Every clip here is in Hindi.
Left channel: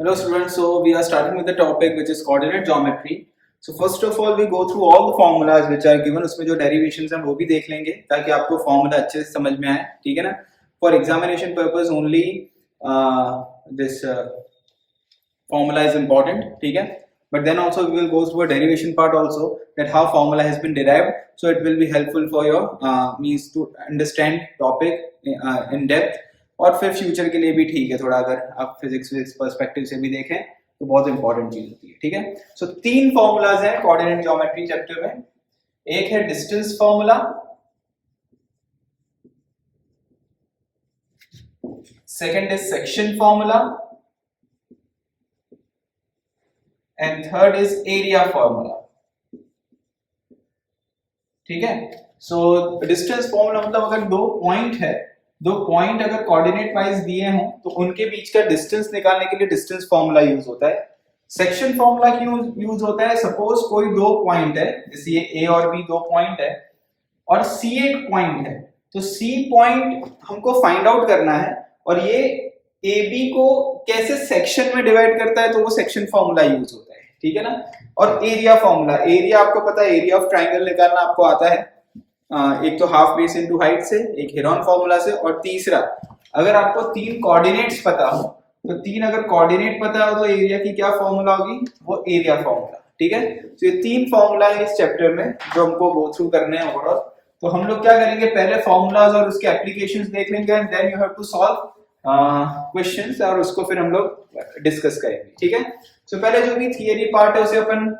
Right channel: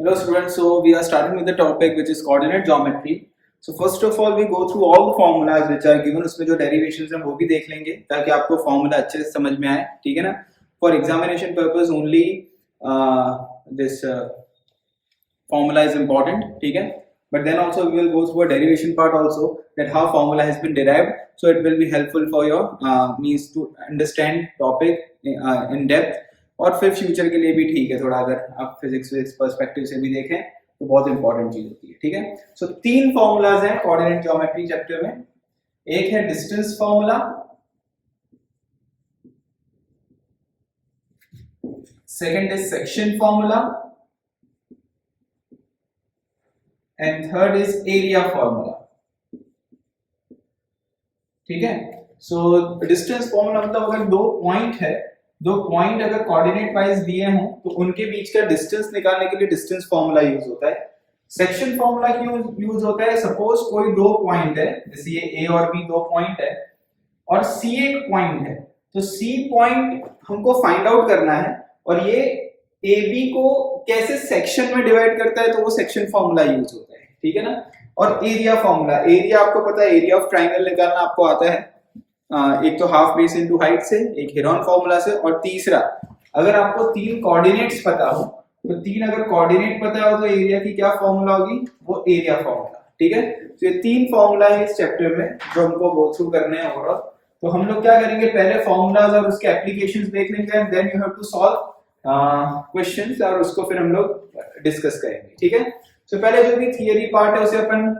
Hello students, so we are starting with the topic which is coordinate geometry. So first of all we go through all the formulas which are given. उसमें जो derivations हैं वो भी देख लेंगे ताकि आपको formula अच्छे से समझ में आए, ठीक है ना? For examination purpose only this formula is important, ठीक है? But then also we will go through a derivation part also, that how formula has been derived. So it will be helpful for your means to understand topic in depth. और फिर फ्यूचर के लिए भी ठीक है, थोड़ा अगर आप फिजिक्स पर्सपेक्टिव से भी देखें तो बहुत इंपॉर्टेंट चीज होती है, ठीक है? सो तीन फॉर्मूलाज हैं कोऑर्डिनेट ज्योमेट्री चैप्टर में. एक है distance formula, second is section formula and third is area formula, ठीक है? सो डिस्टेंस फॉर्मूला मतलब अगर दो पॉइंट अगर कोऑर्डिनेट वाइज दिए हों तो उनके बीच का डिस्टेंस निकालने के लिए डिस्टेंस फॉर्मूला यूज होता है. सेक्शन फॉर्मूला क्यों यूज होता है? सपोज कोई दो पॉइंट है, जैसे ये ए और बी दो पॉइंट है और सी एक पॉइंट है, तो सी पॉइंट हमको फाइंड आउट करना है और ये ए बी को कैसे सेक्शन में डिवाइड करता है, तो वो सेक्शन फॉर्मूला यूज होता है, ठीक है ना? और एरिया फॉर्मूला, एरिया आपको पता है, एरिया ऑफ ट्राइंगल निकालना आपको आता है. एक तो हाफ बेस इनटू हाइट से, एक हेरोन फॉर्मूला से, और तीसरा अगर आपको तीन कोऑर्डिनेट्स पता हो तो तीन अगर कोऑर्डिनेट पता हो तो एरिया की क्या फॉर्मूला होगी? वो एरिया फॉर्मूला, ठीक है? तो ये तीन फॉर्मूला है इस चैप्टर में जो हमको गो थ्रू करने हैं ओवरऑल. तो हम लोग क्या करेंगे, पहले फॉर्मूलाज और उसके एप्लीकेशंस देख लेंगे and then you have to solve questions और उसको फिर हम लोग डिस्कस करेंगे, ठीक है? तो पहले जो भी थियरी पार्ट है उसे अपन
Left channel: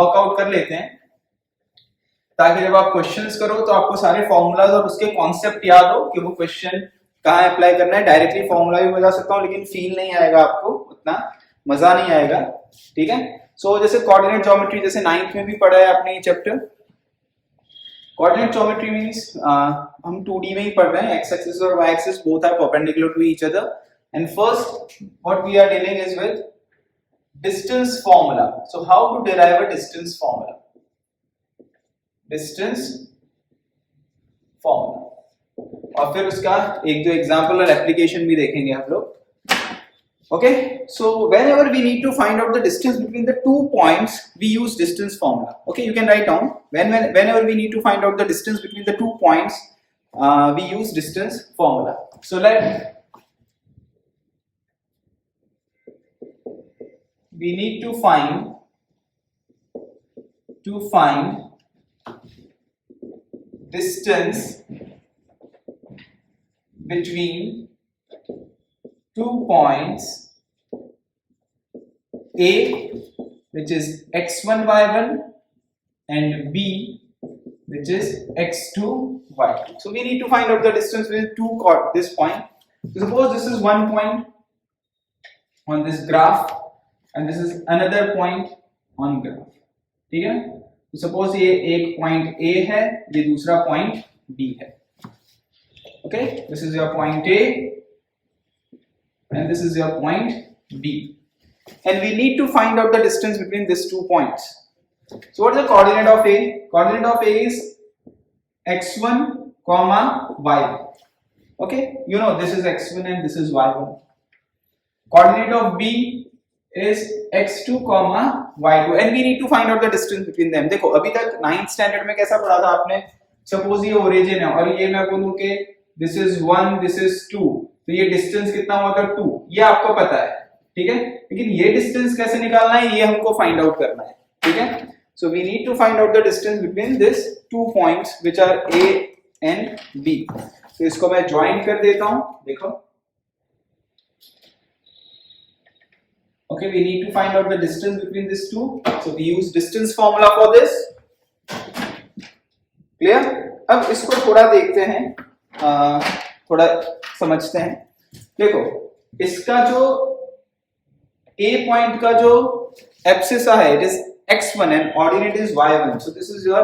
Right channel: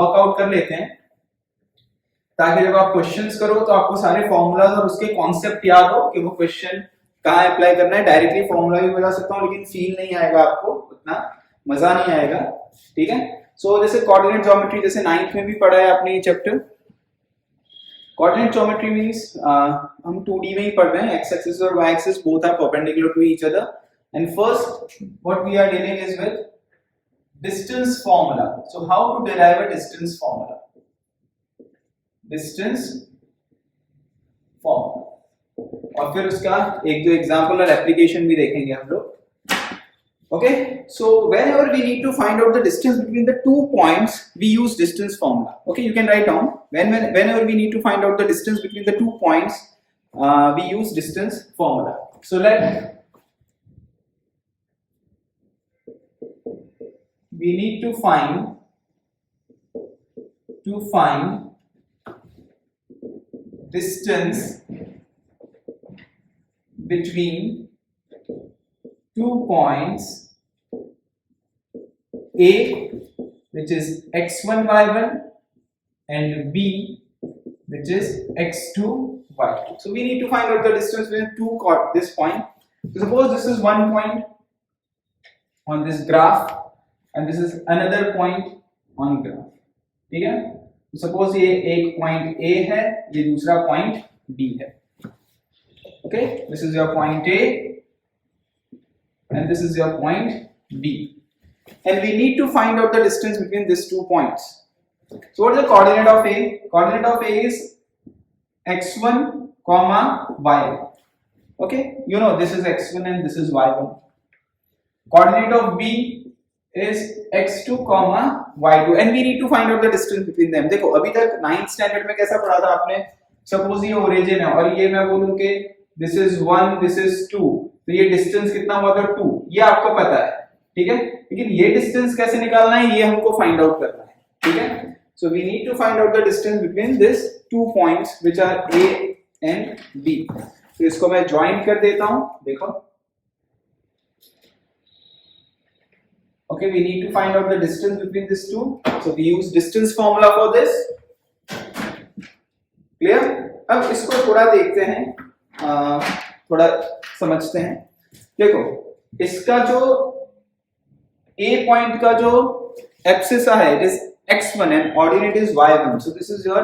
वर्कआउट कर लेते हैं ताकि जब आप क्वेश्चंस करो तो आपको सारे फॉर्मूलाज और उसके कॉन्सेप्ट याद हो कि वो क्वेश्चन कहाँ अप्लाई करना है. डायरेक्टली फॉर्मूला भी बता सकता हूँ लेकिन फील नहीं आएगा आपको, उतना मजा नहीं आएगा, ठीक है? सो जैसे कोऑर्डिनेट ज्योमेट्री जैसे 9th में भी पढ़ा है आपने ये चैप्टर. कोऑर्डिनेट ज्योमेट्री मींस हम 2D में ही पढ़ रहे हैं. एक्स एक्सिस और y axis both are perpendicular to each other and first what we are dealing is with distance formula. So how to derive a distance formula, distance formula, और फिर उसका एक जो एग्जांपल और एप्लीकेशन भी देखेंगे हम लोग. Okay, so whenever we need to find out the distance between the 2 points we use distance formula. Okay, you can write down whenever we need to find out the distance between the 2 points we use distance formula. So we need to find distance between 2 points A, which is x1 y1, and B, which is x2 y2. So we need to find out the distance between this point. So suppose this is one point on this graph and this is another point on graph, ठीक है? सपोज ये एक पॉइंट A है, ये दूसरा पॉइंट B है. Okay, this is your point A and this is your point B, and we need to find out the distance between these 2 points. So what is the coordinate of A? Coordinate of A is x1 comma y1. Okay, you know this is x1 and this is y1. Coordinate of B is x2 comma y2 and we need to find out the distance between them. देखो अभी तक 9th स्टैंडर्ड में कैसा पढ़ा था आपने? सपोज ये ओरिजिन है और ये मैं बोलूं कि this is 1, this is 2, तो ये डिस्टेंस कितना हुआ था? 2. ये आपको पता है, ठीक है? लेकिन ये डिस्टेंस कैसे निकालना है ये हमको फाइंड आउट करना है, ठीक है? So we need to find out the distance between this 2 points which are A and B. तो इसको मैं ज्वाइन कर देता हूं, देखो. Okay, we need to find out the distance between these two. So we use distance formula for this. Clear? अब इसको थोड़ा देखते हैं, थोड़ा समझते हैं. देखो इसका जो A पॉइंट का जो एब्सिस है, it is x1 and ordinate is y1. So this is your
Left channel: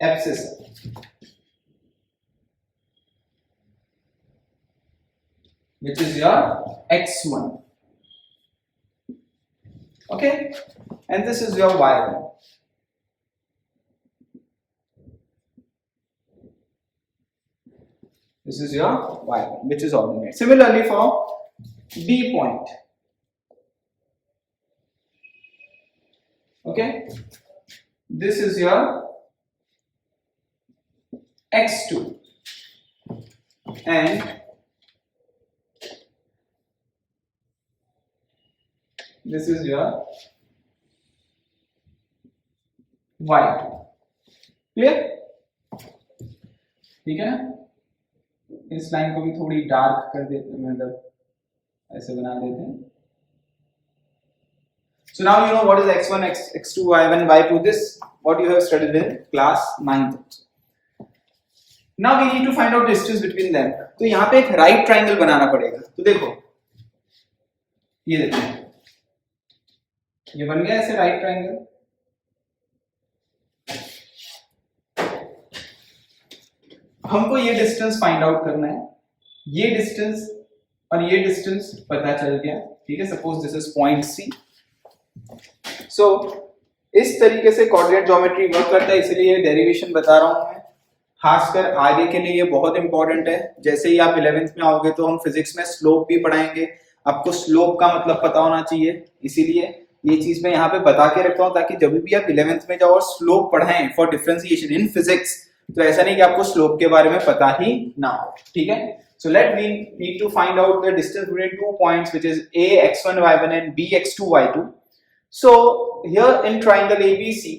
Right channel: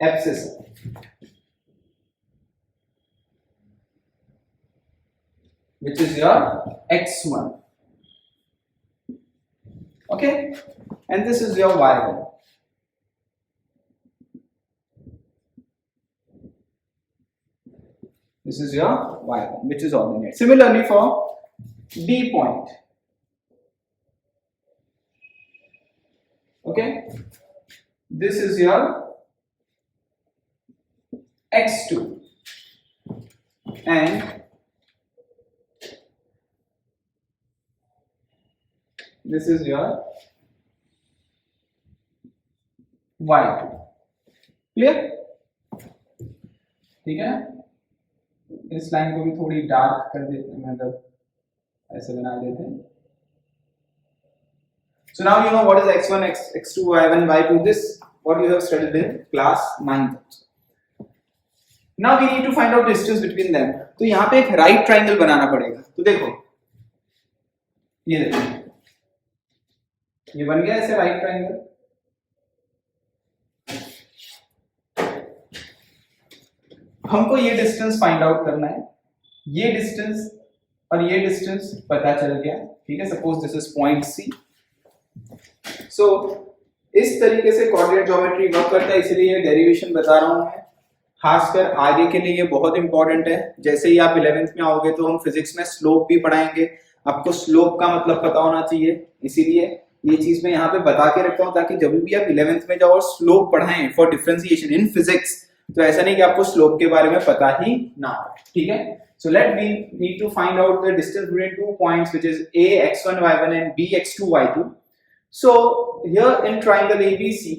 abscissa, which is your x1. Okay, and this is your y1. This is your y1, which is ordinate. Similarly for B point. Okay, this is your x2 and this is your y2. Clear? ठीक है ना? इस लाइन को भी थोड़ी डार्क कर देते हैं, मतलब ऐसे बना देते हैं. So now you know what is x1, x2, y1, y2. This what you have studied in class 9th. Now we need to find out distance between them. तो यहाँ पे एक right triangle बनाना पड़ेगा. तो देखो, ये देखो, ये बन गया ऐसे right triangle. हमको ये डिस्टेंस फाइंड आउट करना है. ये डिस्टेंस और ये डिस्टेंस पता चल गया. ठीक है, suppose this is point C. So इस तरीके से कोऑर्डिनेट ज्योमेट्री वर्क करता है, इसलिए ये डेरिवेशन बता रहा हूं मैं. खासकर आगे के लिए ये बहुत इंपॉर्टेंट है. जैसे ही आप 11th में आओगे तो हम फिजिक्स में स्लोप भी पढ़ाएंगे. आपको स्लोप का मतलब पता होना चाहिए, इसीलिए ये चीज मैं यहाँ पे बता के रखता हूँ ताकि जब भी आप 11th में जाओ और स्लोप पढ़ाएं फॉर डिफरेंशिएशन इन फिजिक्स, तो ऐसा नहीं कि आपको स्लोप के बारे में पता ही ना हो. ठीक है, so let we need to find out the distance between 2 points which is a x1 y1 and b x2 y2. So here in triangle ABC,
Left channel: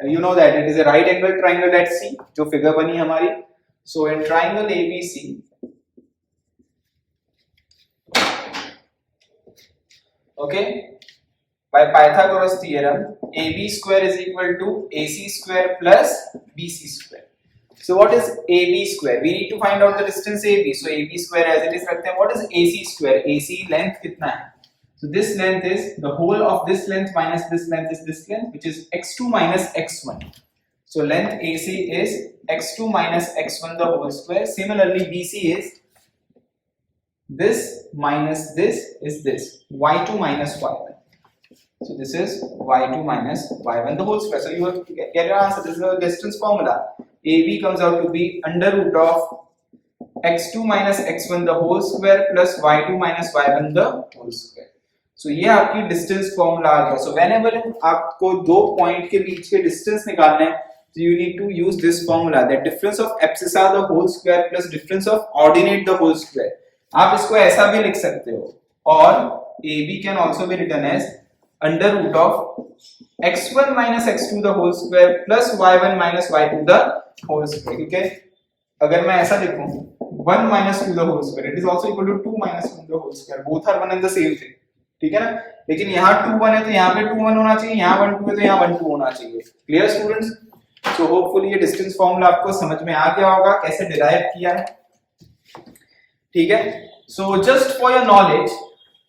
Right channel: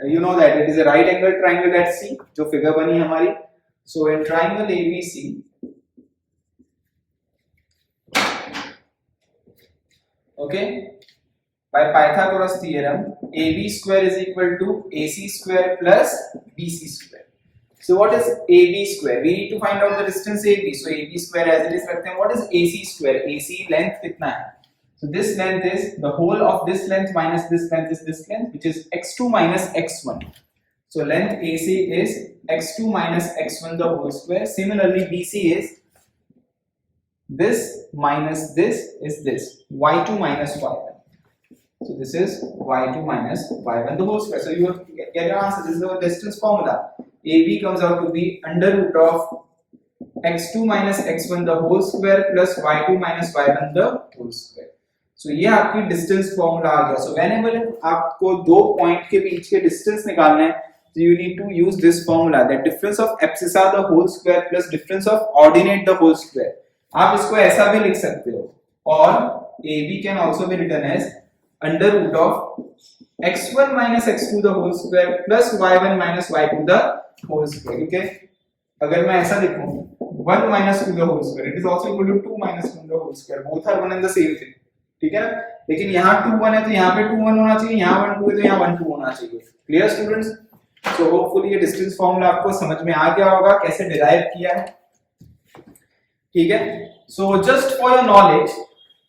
you know that it is a right angle triangle at C, जो फिगर बनी हमारी. So in triangle ABC, okay, by Pythagoras theorem, AB square is equal to AC square plus BC square. So what is AB square? We need to find out the distance AB. So AB square as it is रखते हैं. What is AC square? AC length कितना है? So this length is the whole of this length minus this length is this length, which is x2 minus x1. So length AC is x2 minus x1 the whole square. Similarly, BC is this minus this is this y2 minus y1. So this is y2 minus y1 the whole square. So you have to get your answer. This is the distance formula. AB comes out to be under root of x2 minus x1 the whole square plus y2 minus y1 the whole square. So ये आपकी डिस्टेंस फॉर्मूला आ गया. So whenever आपको दो पॉइंट के बीच के डिस्टेंस निकालना है, so you need to use this formula, that difference of abscissa the whole square plus difference of ordinate the whole square. आप इसको ऐसा भी लिख सकते हो, और AB can also be written as under root of x1 minus x2 the whole square plus y1 minus y2 the whole square. ठीक है, अगर मैं ऐसा लिखूं 1 minus 2 the whole square, it is also equal to 2 minus 1 the whole square. Both are one and the same thing. ठीक है ना? लेकिन यहाँ 2 1 है तो यहाँ पे 2 1 होना चाहिए, यहाँ 1 2 है तो यहाँ 1 2 होना चाहिए. Clear students? सो होपफुली ये डिस्टेंस फॉर्मूला आपको समझ में आ गया होगा कैसे डिराइव किया है. ठीक है, so just for your knowledge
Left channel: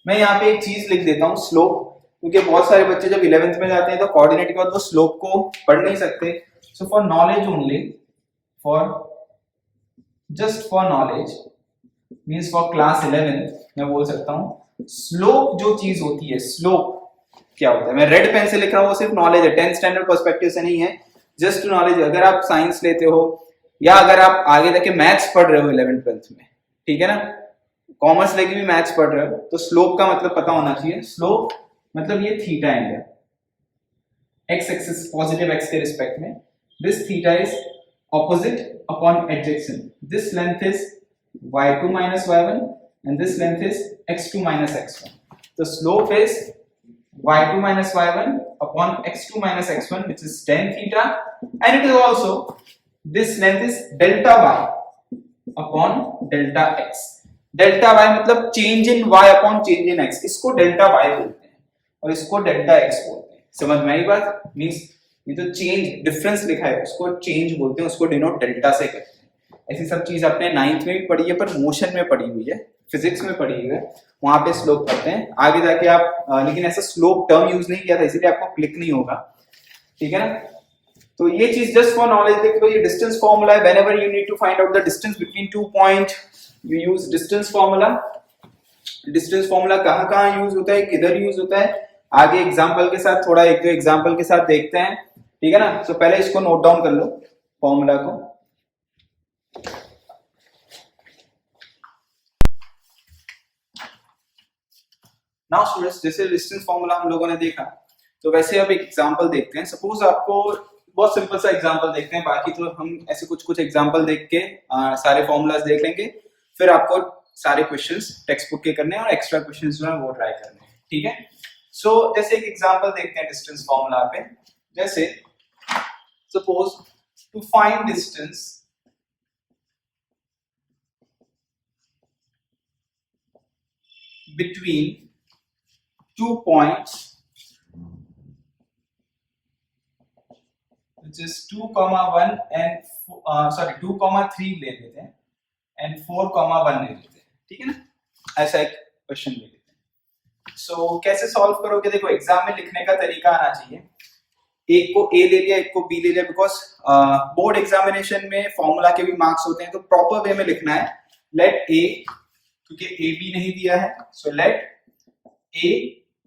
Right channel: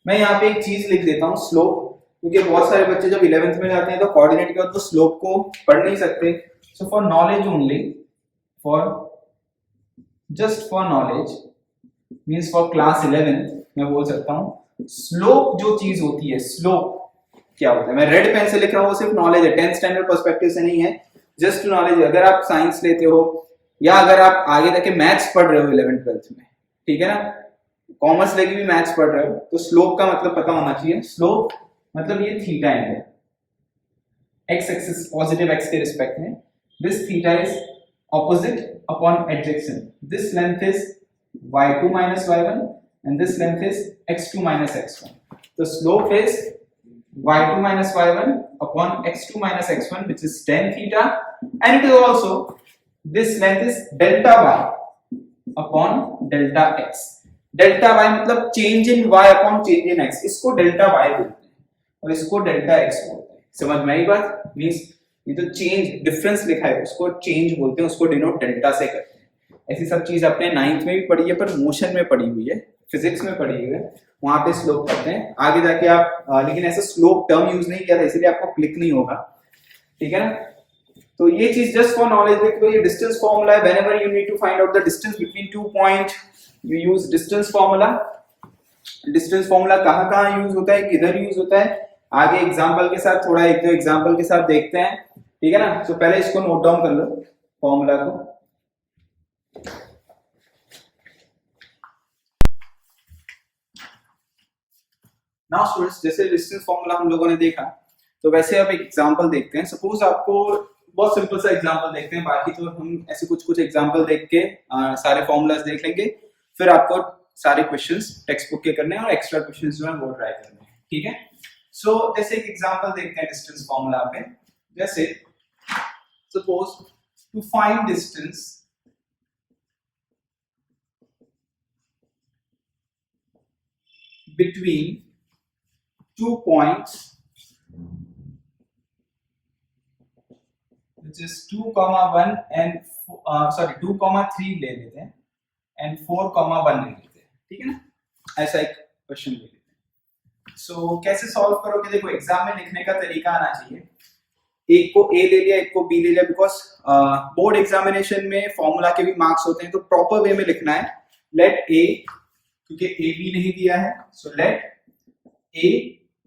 मैं यहाँ पे एक चीज लिख देता हूँ, स्लोप, क्योंकि बहुत सारे बच्चे जब 11th में जाते हैं तो कोऑर्डिनेट के बाद वो स्लोप को पढ़ नहीं सकते. So for knowledge only, for just for knowledge means for class 11 मैं बोल सकता हूँ स्लोप जो चीज होती है, स्लोप क्या होता है. मैं रेड पेन से लिख रहा हूँ, वो सिर्फ नॉलेज है, 10th स्टैंडर्ड पर्सपेक्टिव से नहीं है, जस्ट नॉलेज. अगर आप साइंस लेते हो या अगर आप आगे जाके मैथ्स पढ़ रहे हो 11th 12th में, ठीक है ना, कॉमर्स लेके भी मैथ्स पढ़ रहे हो, तो स्लोप का मतलब पता होना चाहिए. स्लोप मतलब ये थीटा है, एक्स एक्सिस पॉजिटिव एक्स के रिस्पेक्ट में. This theta is opposite upon एडजेक्शन. This length is y2 minus y1 and this length is x2 minus x1. The slope is y2 minus y1 upon x2 minus x1, which is tan theta, and it is also this length is delta y upon delta x. Delta y मतलब change in y upon change in x. इसको delta y बोलते हैं और इसको delta x बोलते हैं. समझ में आई बात? मींस ये जो चेंज डिफरेंस लिखा है उसको चेंज बोलते हैं, उसको डिनोट डेल्टा से करते हैं. ऐसी सब चीज अपने 9th में भी पढ़ी है, पर मोशन में पढ़ी हुई है, फिजिक्स में पढ़ी हुई है, वहां पे स्लोप करते हैं. आगे जाके आप लेकिन ऐसा स्लोप टर्म यूज नहीं किया था, इसीलिए आपको क्लिक नहीं होगा. ठीक है ना? तो ये चीज जस्ट फॉर नॉलेज देखो, ये डिस्टेंस फॉर्मूला है. Whenever you need to find out the distance between 2 point you use distance formula. Distance formula कहाँ यूज होता है, किधर यूज होता है, आगे एग्जांपल के साथ थोड़ा एक दो एग्जांपल के साथ देखते हैं. ठीक है ना? तो पहले इसको नोट डाउन कर लो फॉर्मूला को. नाउ स्टूडेंट्स, जैसे डिस्टेंस फॉर्मूला हम लोगों ने देखा, तो वैसे अब एक एग्जांपल देखते हैं। सपोज आपको बहुत सिंपल सा एग्जांपल देखते हैं, बाकी तो हम ऐसे कुछ कुछ एग्जांपल देख के सारे फॉर्मूलाज देख लेंगे, फिर आपको सारे क्वेश्चंस टेक्स्ट बुक के करने हैं और एक्स्ट्रा क्वेश्चंस जो है वो ट्राई करने हैं, ठीक है। सो जैसे एक एग्जांपल देखते हैं डिस्टेंस फॉर्मूला पे। जैसे suppose to find distance between 2 points which is 2,1 and 2,3 ले लेते हैं and 4,1 ले लेते हैं, ठीक है ना। ऐसा एक क्वेश्चन ले लेते हैं। सो कैसे सॉल्व करोगे? देखो एग्जाम में लिखने का तरीका आना चाहिए। एक को ए ले लिया, एक को बी ले लिया, बिकॉज बोर्ड एग्जामिनेशन में फॉर्मूला के भी मार्क्स होते हैं, तो प्रॉपर वे में लिखना है। लेट ए, क्योंकि ए बी नहीं दिया है, so let a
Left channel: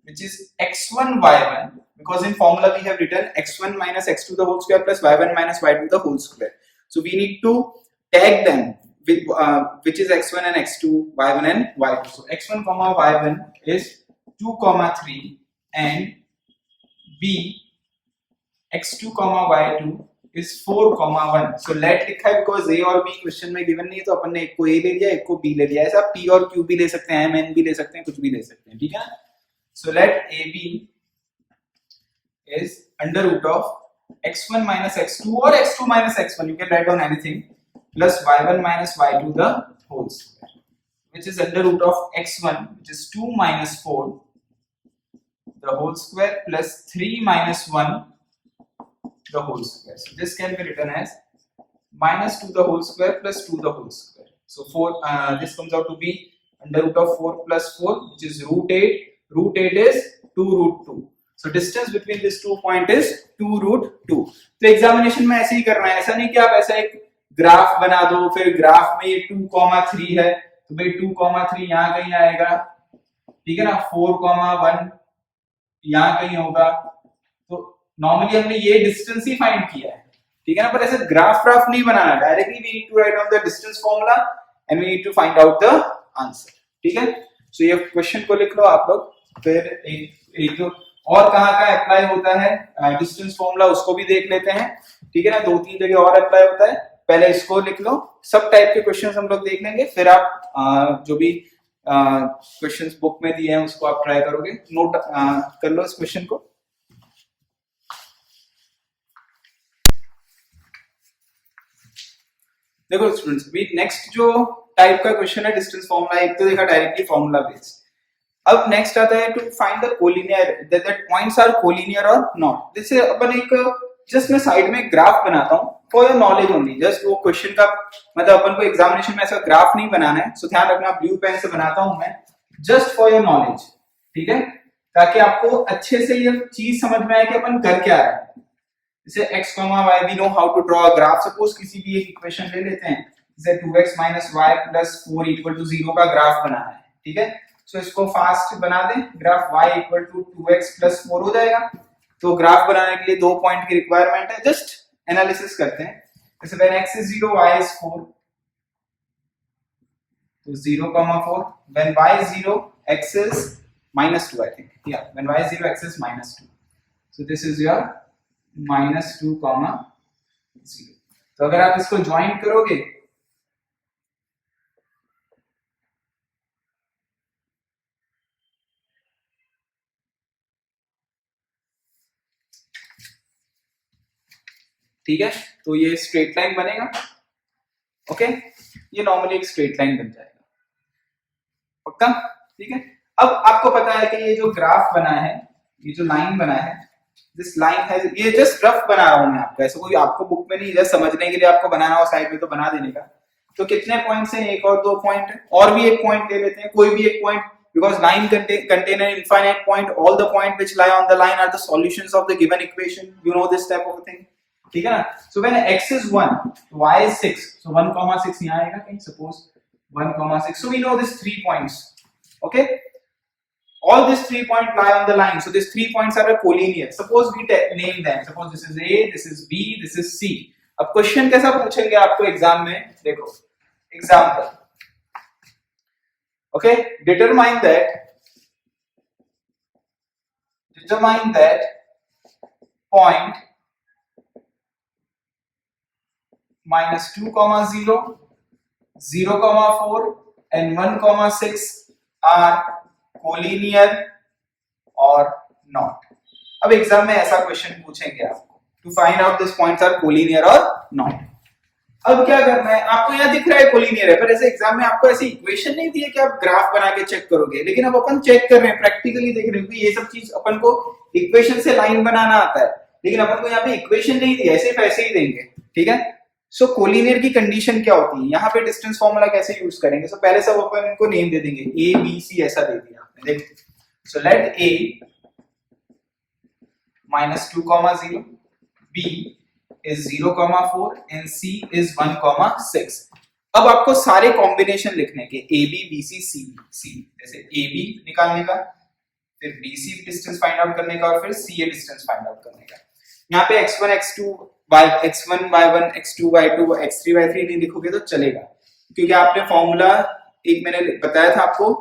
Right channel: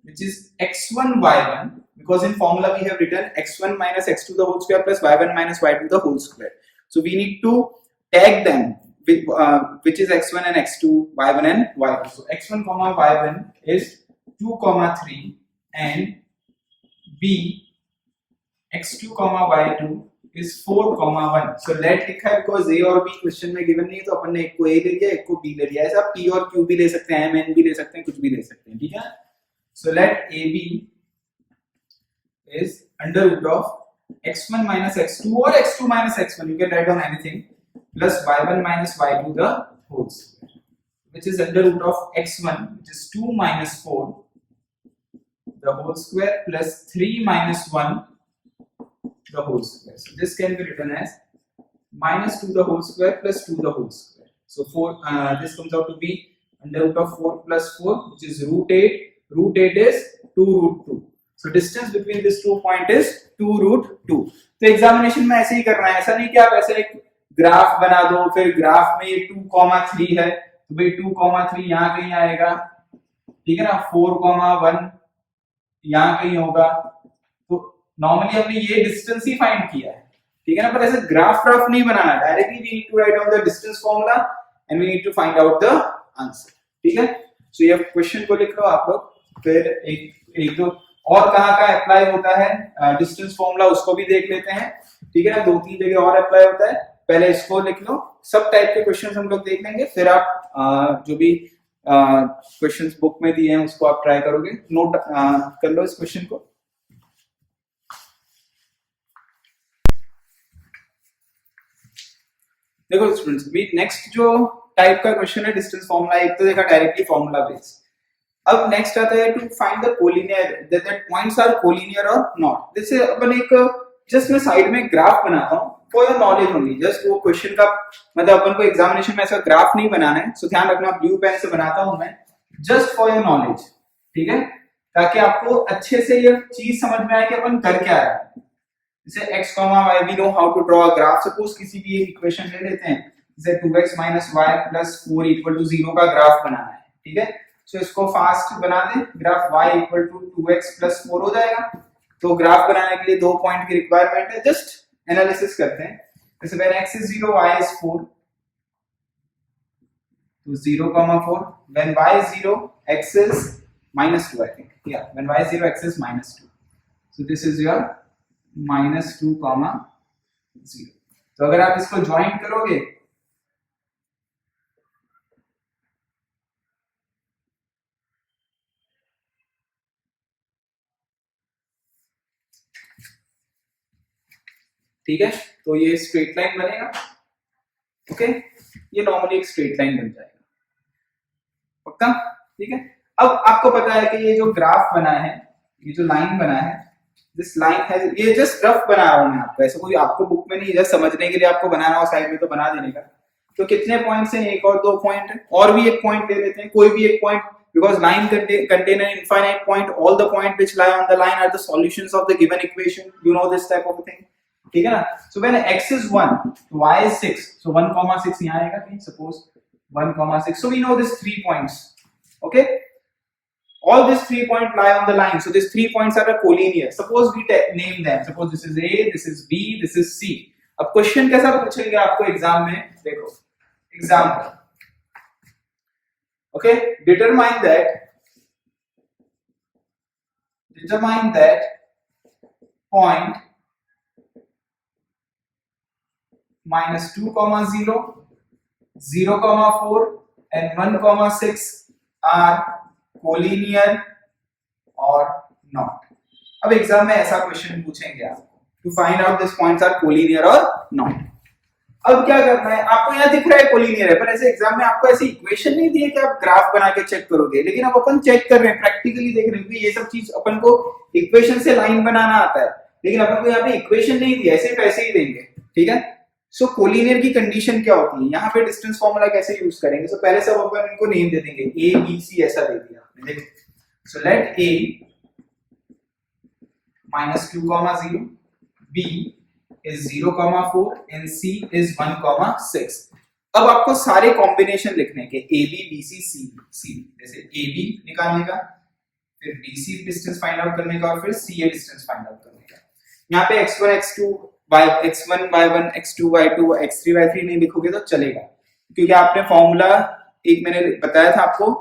which is x1 y1, because in formula we have written x1 minus x2 the whole square plus y1 minus y2 the whole square, so we need to tag them with which is x1 and x2, y1 and y2. So x1 comma y1 is 2 comma 3 and b x2 comma y2 is 4 comma 1. so let लिखा है because a और b क्वेश्चन में गिवन नहीं है, तो अपन ने एक को a ले लिया, एक को b ले लिया। ऐसा p और q भी ले सकते हैं, m n भी ले सकते हैं, कुछ भी ले सकते हैं, ठीक है। so let ab is under root of x1 minus x2 or x2 minus x1, you can write down anything, plus y1 minus y2 the whole square, which is under root of x1, which is 2 minus 4 the whole square plus 3 minus 1 the whole square. So this can be written as minus 2 the whole square plus 2 the whole square. So 4 this comes out to be under root of 4 plus 4, which is root 8. Root 8 is 2 root 2. So distance between these 2 point is 2 root 2. तो एग्जामिनेशन में ऐसे ही करना है, ऐसा नहीं कि आप ऐसा एक ग्राफ बना दो, फिर ग्राफ में ये 2,3 है तो भाई 2,3 यहाँ कहीं आएगा, ठीक है ना, 4,1 यहाँ कहीं होगा। तो नॉर्मली हमने ये डिस्टेंस ही फाइंड किया है, ठीक है ना, पर ऐसे ग्राफ नहीं बनाना, directly we need to write down the distance formula and we need to find out the answer, ठीक है। सो ये क्वेश्चन को लिख लो आप लोग, फिर एक दो और कहाँ का अप्लाई होता है डिस्टेंस फॉर्मूला उसको भी देख लेते हैं, ठीक है ना। 2-3 जगह और अप्लाई होता है, पहले इसको लिख लो। सब टाइप के क्वेश्चंस हम लोग देख लेंगे, फिर आप जो भी क्वेश्चंस बुक में दिए हैं उसको आप ट्राई करोगे। नोट कर लो इस क्वेश्चन को। देखो स्टूडेंट्स, अभी नेक्स्ट जो टाइप का क्वेश्चन है डिस्टेंस फॉर्मूला, एक तो देखा डायरेक्टली फॉर्मूला बेस्ड। अब नेक्स्ट आता है to find the collinear, that points are collinear or not. जैसे अपन एक जस्ट मैं साइड में ग्राफ बनाता हूँ for your knowledge only, just वो क्वेश्चन का मतलब अपन को एग्जामिनेशन में ऐसा ग्राफ नहीं बनाना है, सो ध्यान रखना ब्लू पेन से बनाता हूं मैं, जस्ट फॉर योर नॉलेज, ठीक है, ताकि आपको अच्छे से ये चीज समझ में आए कि अपन कर क्या रहे हैं। जैसे x, y, we know how to draw a graph. Suppose किसी भी एक इक्वेशन ले लेते हैं, जैसे 2x minus y plus 4 equal to 0 का ग्राफ बनाना है, ठीक है। सो इसको फास्ट बना दें, graph y equal to 2x plus 4 हो जाएगा। तो ग्राफ बनाने के लिए 2 पॉइंट की रिक्वायरमेंट है, जस्ट एनालिसिस करते हैं। जैसे when x is 0, y is 4, तो 0, 4, when y is 0, x is minus 2, I think, yeah, when y is 0, x is minus 2, so this is your minus 2, 0। तो अगर आप इसको ज्वाइन करोगे ठीक है, तो ये स्ट्रेट लाइन बनेगा, ओके, ये नॉर्मली एक स्ट्रेट लाइन बन जाएगा, पक्का, ठीक है। अब आपको पता है कि ये जो ग्राफ बना है, ये जो लाइन बना है, दिस लाइन है, ये जस्ट रफ बना रहा हूं मैं आपको, ऐसा कोई आपको बुक में नहीं, जस्ट समझने के लिए आपको बनाना हो साइड में तो बना देने का। तो कितने पॉइंट्स हैं? 1 और 2 पॉइंट है, और भी एक पॉइंट ले लेते हैं, कोई भी एक point, because line contain an infinite point, all the point which lie on the line are the solutions of the given equation, you know this type of a thing, ठीक है ना। so when x is 1, y is 6, so 1,6 यहाँ आएगा कहीं, suppose 1,6, so we know this 3 points, okay, all these 3 points lie on the line, so these 3 points are a collinear, suppose we name them, suppose this is a, this is b, this is c। अब क्वेश्चन कैसा पूछेंगे आपको एग्जाम में, देखो example, okay, determine that point -2, 0, 4 and 1, 6 are collinear or not. अब एग्जाम में ऐसा क्वेश्चन पूछेंगे आपको, to find out this points are collinear or not. अब क्या करना है, आपको यहाँ दिख रहा है कोलिनियर है, पर ऐसे एग्जाम में आपको ऐसी इक्वेशन नहीं दी है कि आप ग्राफ बना के चेक करोगे, लेकिन अब अपन चेक कर रहे हैं, प्रैक्टिकली देख रहे हैं कि ये सब चीज अपन को इक्वेशन से लाइन बनाना आता है, लेकिन अपन को यहाँ पे इक्वेशन नहीं दी है, सिर्फ ऐसे ही देंगे, ठीक है। सो कोलिनियर की कंडीशन क्या होती है, यहाँ पे डिस्टेंस फॉर्मूला कैसे यूज करेंगे। सो पहले सब अपन इनको नेम दे देंगे, ए बी सी ऐसा दे दिया आपने, देखो। So let A -2, 0, b is 0, 4 and c is 1, 6। अब आपको सारे कॉम्बिनेशन लिखने के, ए बी बी सी सी सी, जैसे ए बी निकालने का, फिर B C distance find out करने का, और फिर C A distance find out करने का। यहाँ पे x1 x2 x1 y1 x2 y2 x3 y3 नहीं लिखोगे तो चलेगा, क्योंकि आपने फॉर्मूला एक मैंने बताया था आपको,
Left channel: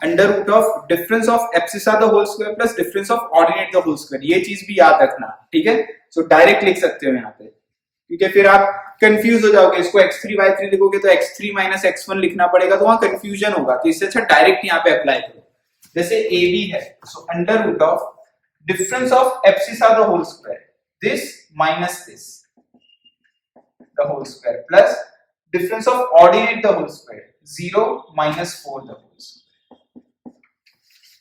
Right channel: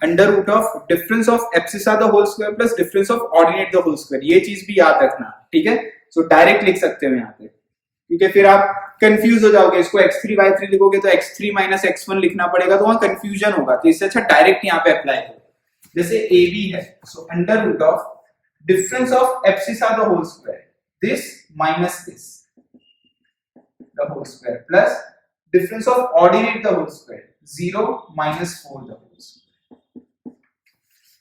under root of difference of abscissa the whole square plus difference of ordinate the whole square, ये चीज भी याद रखना, ठीक है। सो डायरेक्ट लिख सकते हो यहाँ पे, क्योंकि फिर आप कंफ्यूज हो जाओगे, इसको x3 y3 लिखोगे तो x3 - x1 लिखना पड़ेगा, तो वहां कंफ्यूजन होगा, तो इससे अच्छा डायरेक्ट यहाँ पे अप्लाई करो। जैसे ए बी है, so under root of difference of abscissa the whole square, this minus this the whole square plus difference of ordinate the whole square, 0 - 4 the whole square।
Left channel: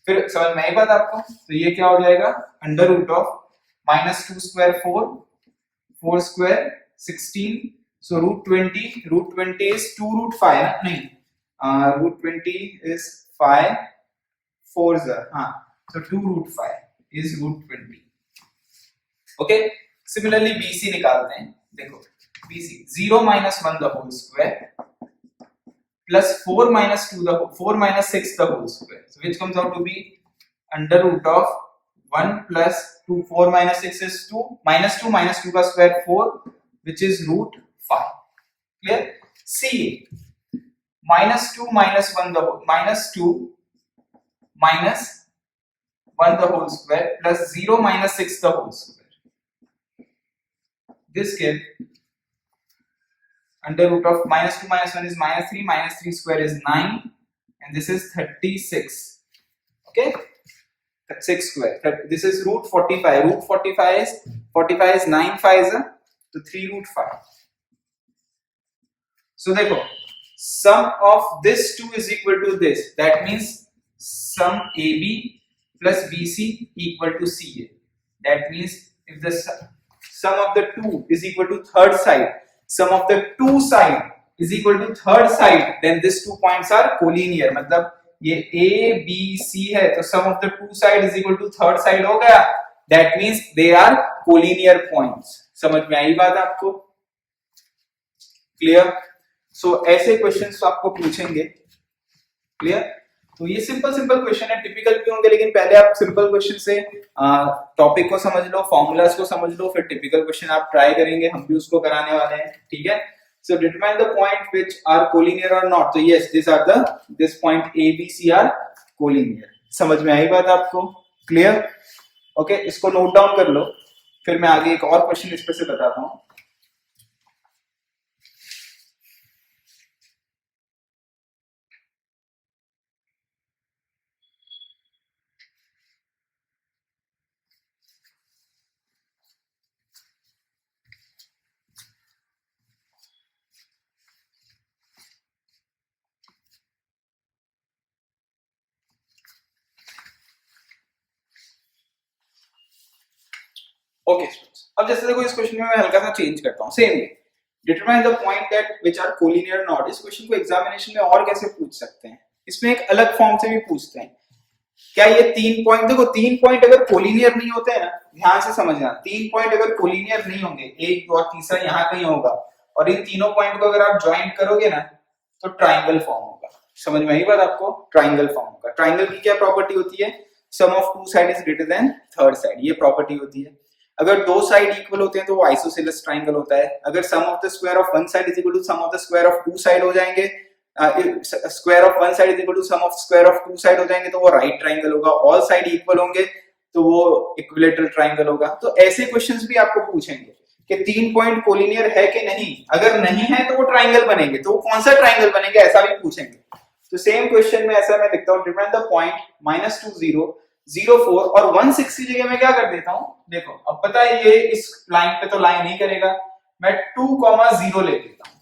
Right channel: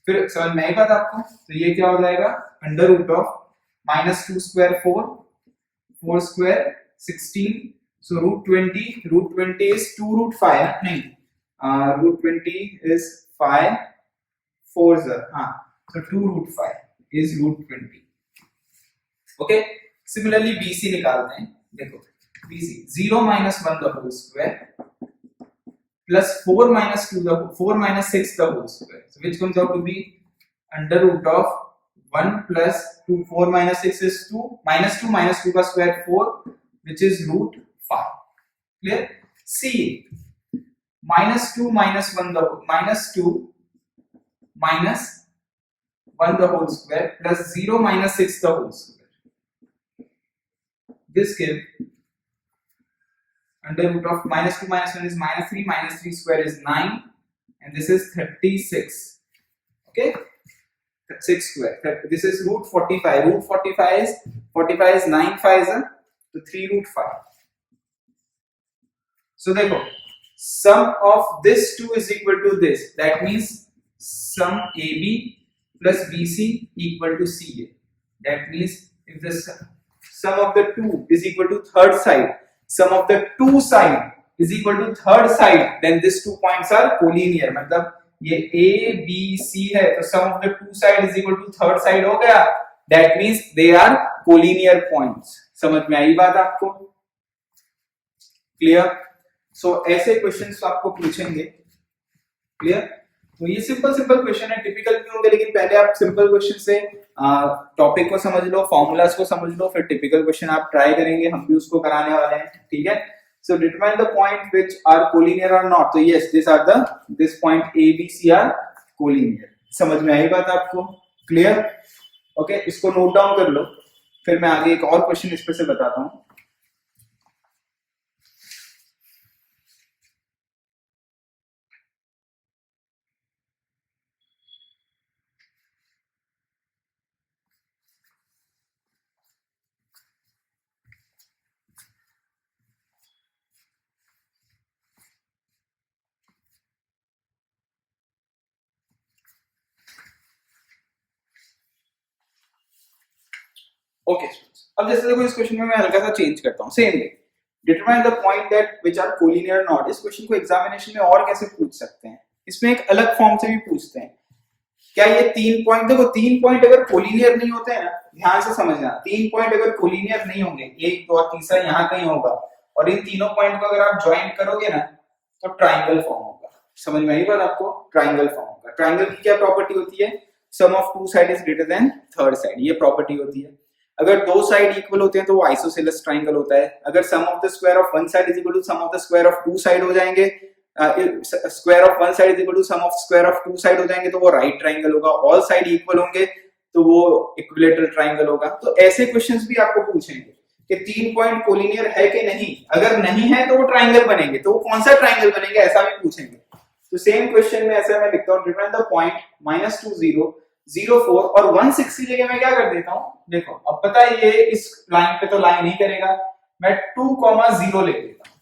फिर समझ में आई बात आपको, तो ये क्या हो जाएगा, under root of -2 square 4, 4 square 16, so √20 is 2√5 ना, नहीं √20 is 5 4 हाँ, so 2√5 is √20। Okay, similarly BC निकालते हैं, देखो BC 0 - 1 the whole square plus 4 - 6 the whole square, so which comes out to be under root of 1 plus 2, 4 - 6 is 2, -2 का square 4 which is √5, clear। CA -2 - 1 the -2 minus 1 the whole square plus 0 - 6 the whole square. This gives under root of -2 - 1 is -3 square is 9, and this is 36. Okay, 6 square. This is √45. √45 is 9 5 so 3√5. So देखो, sum of this 2 is equal to this. That means sum AB plus BC equal to CA. That means if the sum of the 2 is equal to third side, sum of the two side is equal to third side, then these 2 points are collinear। मतलब ये A B C है, तो sum of the two side is equal to third side हो गया, that means they are collinear points। समझ में आई बात आपको, क्लियर। सो ऐसे क्वेश्चंस तो आपको पूछेंगे, क्लियर। तो ये सिंपल क्वेश्चन है, टिपिकल भी होंगे, लेकिन पहले आप सिंपल क्वेश्चन से टॉपिक को समझ लो, फॉर्मूलाज को समझ लो, फिर टिपिकल क्वेश्चन आप ट्राई करेंगे, हम भी उसको कराने वाले हैं, ठीक है। So determine the point which are collinear or not, तो yes this point A B C are collinear. समझ में आई बात आपको, क्लियर। ओके, इसको नोट डाउन कर लो, फिर मैं आगे एक और क्वेश्चन इस पे से बताता हूं। ओके, अब जैसे देखो इस क्वेश्चन में मैं हल्का सा चेंज करता हूं, same way determine the point that which are collinear not. इस क्वेश्चन को एग्जामिनेशन में और कैसे पूछ सकते हैं, इसमें एक अलग फॉर्म से भी पूछते हैं। क्या ये 3 पॉइंट, देखो 3 पॉइंट अगर कोलिनियर नहीं होते हैं ना, ध्यान से समझना, 3 पॉइंट अगर कोलिनियर नहीं होंगे, 1 2 और तीसरा यहाँ कहीं होगा, और इन तीनों पॉइंट को अगर आप ज्वाइन करोगे ना तो ट्राइंगल फॉर्म होगा। समझ में आई बात आपको, ट्राइंगल फॉर्म होगा। ट्राइंगल की क्या प्रॉपर्टी होती है, sum of two side is greater than third side, ये प्रॉपर्टी होती है। अगर दो साइड इक्वल होते हैं तो वो आइसोसेलेस ट्राइंगल होता है। अगर sum of the square of one side is equal to sum of the square of two side हो जाएंगे, square of one side is equal to sum of square of two side हो जाएंगे, तो वो राइट ट्राइंगल होगा। ऑल साइड इक्वल होंगे तो वो इक्विलेटरल ट्राइंगल होगा। तो ऐसे क्वेश्चंस भी आपको पूछेंगे कि 3 पॉइंट कोलिनियर है कि नहीं, अगर नहीं है तो वो ट्राइंगल बनेंगे, तो वो कौन सा ट्राइंगल बनेंगे ऐसा भी पूछेंगे। तो सेम क्वेश्चन में ऐसा मैं लिखता हूं, डिफाइन द पॉइंट -2 0 0 4 और 160 की जगह मैं क्या कर देता हूं, देखो अब पता है ये इस लाइन पे तो लाइन नहीं करेगा, मैं 2, 0 लिख देता हूं,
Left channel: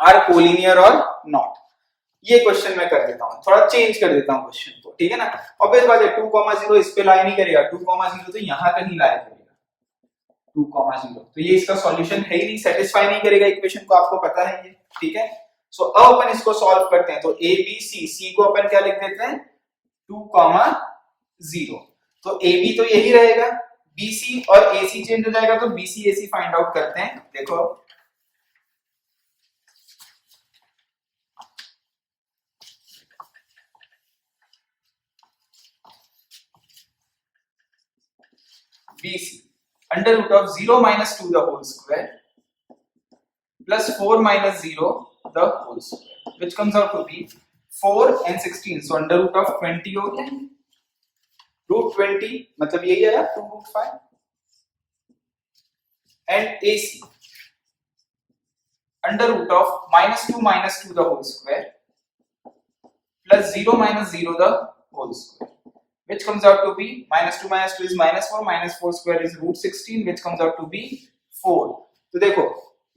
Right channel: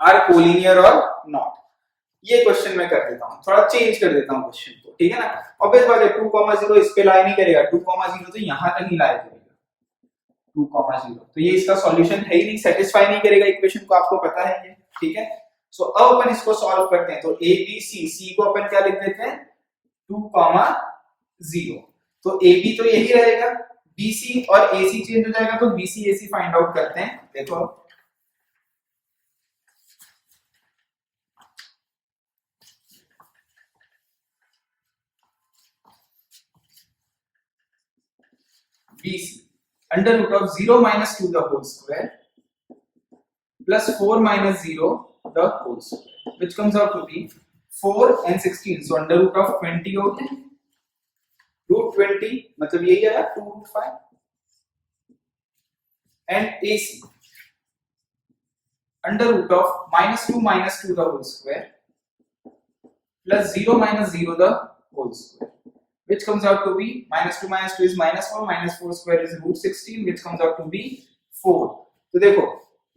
आर कोलिनियर और नॉट। ये क्वेश्चन मैं कर देता हूं, थोड़ा चेंज कर देता हूं क्वेश्चन को, ठीक है ना। ऑब्वियस बात है 2, 0 इस पे लाई नहीं करेगा, 2, 0 तो यहां तक ही लाई करेगा 2, 0, तो ये इसका सॉल्यूशन है ही नहीं, सेटिस्फाई नहीं करेगा इक्वेशन को, आपको पता है ये, ठीक है। सो अब अपन इसको सॉल्व करते हैं, तो ए बी सी को अपन क्या लिख देते हैं 2, 0, तो ए बी तो यही रहेगा, बी सी और ए सी चेंज हो जाएगा, तो बी सी ए सी फाइंड आउट करते हैं। देखो BC under root of 0 minus 2 the whole square plus 4 minus 0 the whole square, which comes out to be 4 and 16, so under root of 20 हो गया, root 20 मतलब यही आया 2 root 5, and AC under root of -2 the whole square plus 0 minus 0 the whole square, which comes out to be -2 is -4 square is root 16, which comes out to be 4। तो देखो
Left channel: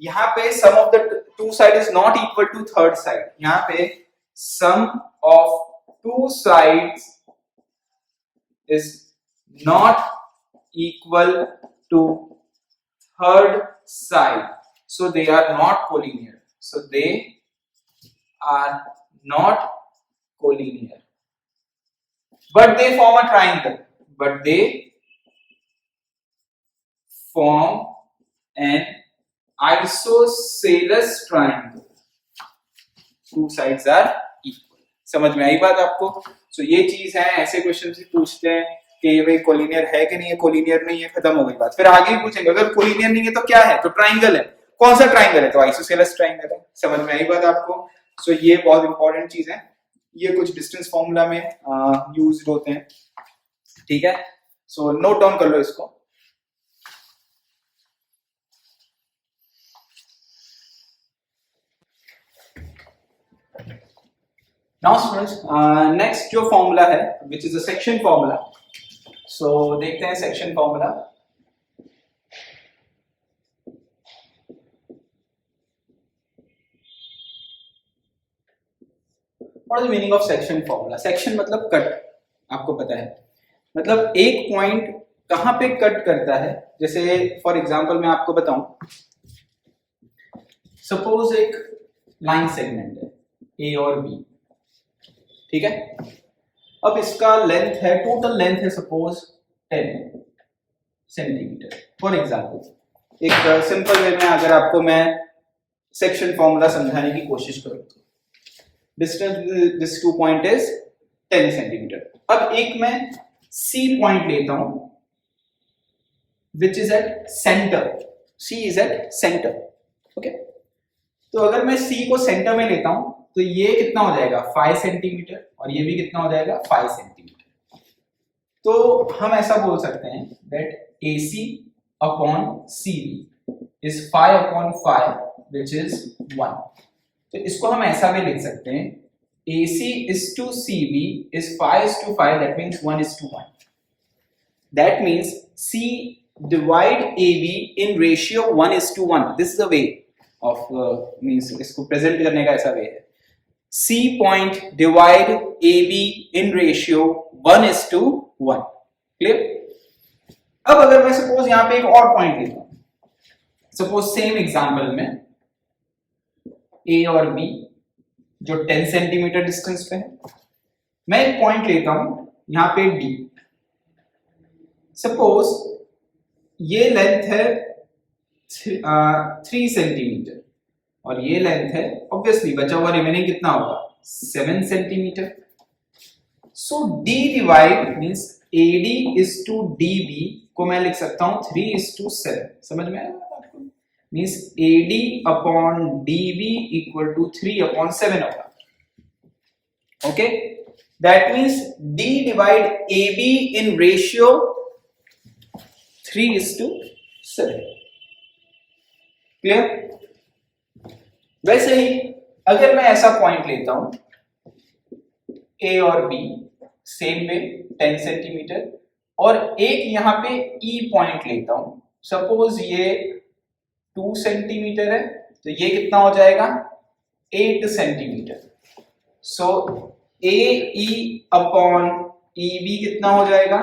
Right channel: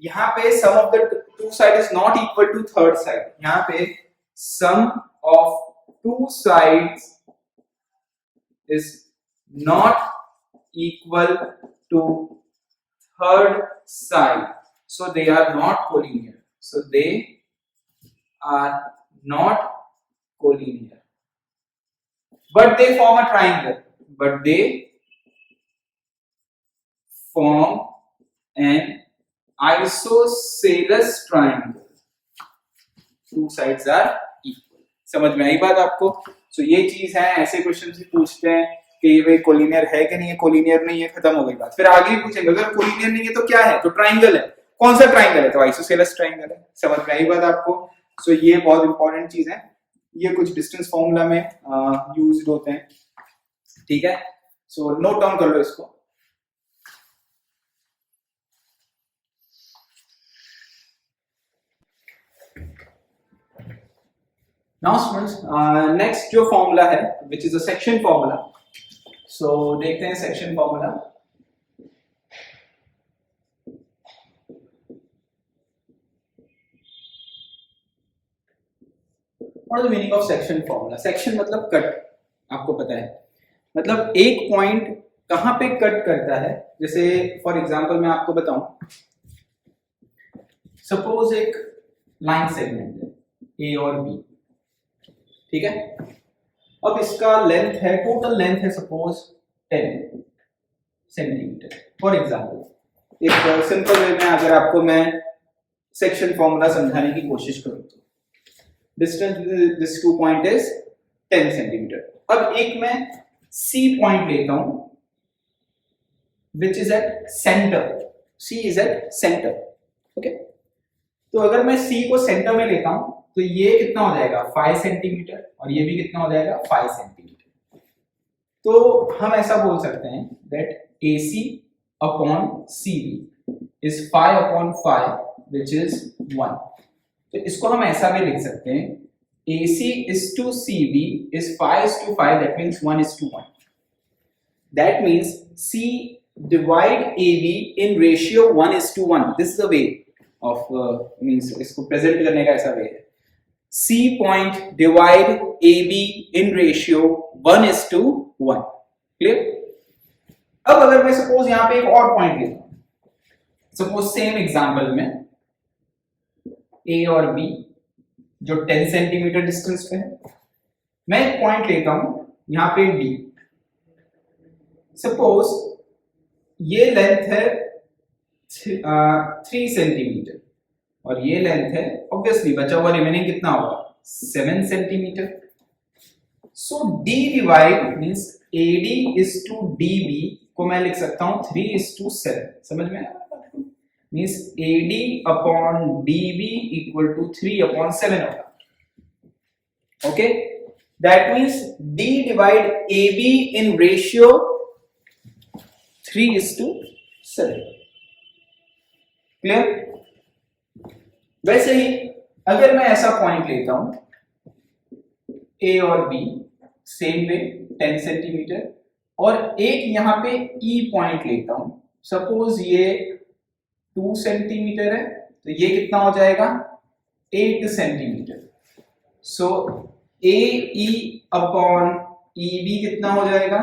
यहाँ पे sum of the two side is not equal to third side, यहाँ पे sum of two sides is not equal to third side, so they are not collinear, so they are not collinear, but they form a triangle, but they form an isosceles triangle, two sides are equal। समझ में आई बात आपको। सो ये चीज है, ऐसे क्वेश्चन भी पूछते हैं कि ये भाई कोलिनियर है कि नहीं है, कोलिनियर नहीं है, खत्म हो गई बात। फिर आगे भी पूछेंगे अगर कोलिनियर नहीं है तो क्या है, तो ट्राइंगल है, कौन सा ट्राइंगल है, तो आइसोसेलेस ट्राइंगल है। समझ में आई बात आपको। सो ये बहुत इंपॉर्टेंट चीज है, ये कुछ डिस्टेंस फॉर्मूला में यूज्ड होते हैं, ठीक है। सो नोट डाउन कर लो इसको। नाउ स्टूडेंट्स नेक्स्ट जो फॉर्मूला है which is a section formula, so देखते हैं सेक्शन फॉर्मूला। और the meaning of section formula, section मतलब कट, आपको पता है, मतलब एक पॉइंट कहां पे कट करता है। जैसे फॉर एग्जांपल मैं आपको बताऊं, सपोज एक लाइन सेगमेंट है ए और बी, ठीक है। अब इसका लेंथ है, टोटल लेंथ है सपोज 10 सेंटीमीटर फॉर एग्जांपल। एक सिंपल वे में अगर आपको मैं सेक्शन फॉर्मूला समझाने की कोशिश करूं तो distance this 2 point is 10 centimetre. अब एक मैं सी पॉइंट लेता हूं which is at centre, C is at centre, okay. तो अगर मैं सी को सेंटर में लेता हूं तो ये कितना हो जाएगा 5 सेंटीमीटर और ये भी कितना हो जाएगा 5 सेंटीमीटर। तो हम ऐसा बोल सकते हैं that AC upon CB is 5 upon 5 which is 1। तो इसको हम ऐसा भी लिख सकते हैं AC is to CB is 5 is to 5, that means 1 is to 1. That means C divide AB in ratio 1 is to 1. This is the way of means इसको प्रेजेंट करने का ऐसा वे है। C point divide AB in ratio 1 is to 1. Clear? अब अगर मैं सपोज यहां पे एक और पॉइंट लेता हूं, सपोज सेम एग्जांपल में A और B जो 10 सेंटीमीटर डिस्टेंस पे है, मैं एक पॉइंट लेता हूं यहां पे D। सपोज ये लेंथ है 3 सेंटीमीटर और ये लेंथ है, ऑब्वियसली बचा हुआ रिमेनिंग कितना होगा 7 centimetre. So D divide means AD is to DB को मैं लिख सकता हूं 3 is to 7। समझ में आया आपको? Means AD upon DB equal to 3 upon 7 होगा, okay. That means D divide AB in ratio 3:7. Clear? वैसे ही अगर मैं ऐसा पॉइंट लेता हूं A और B सेम वे 10 सेंटीमीटर, और एक यहां पे E पॉइंट लेता हूं, सपोज ये 2 सेंटीमीटर है, तो ये कितना हो जाएगा 8 सेंटीमीटर. सो AE अपॉन EB कितना हो जाएगा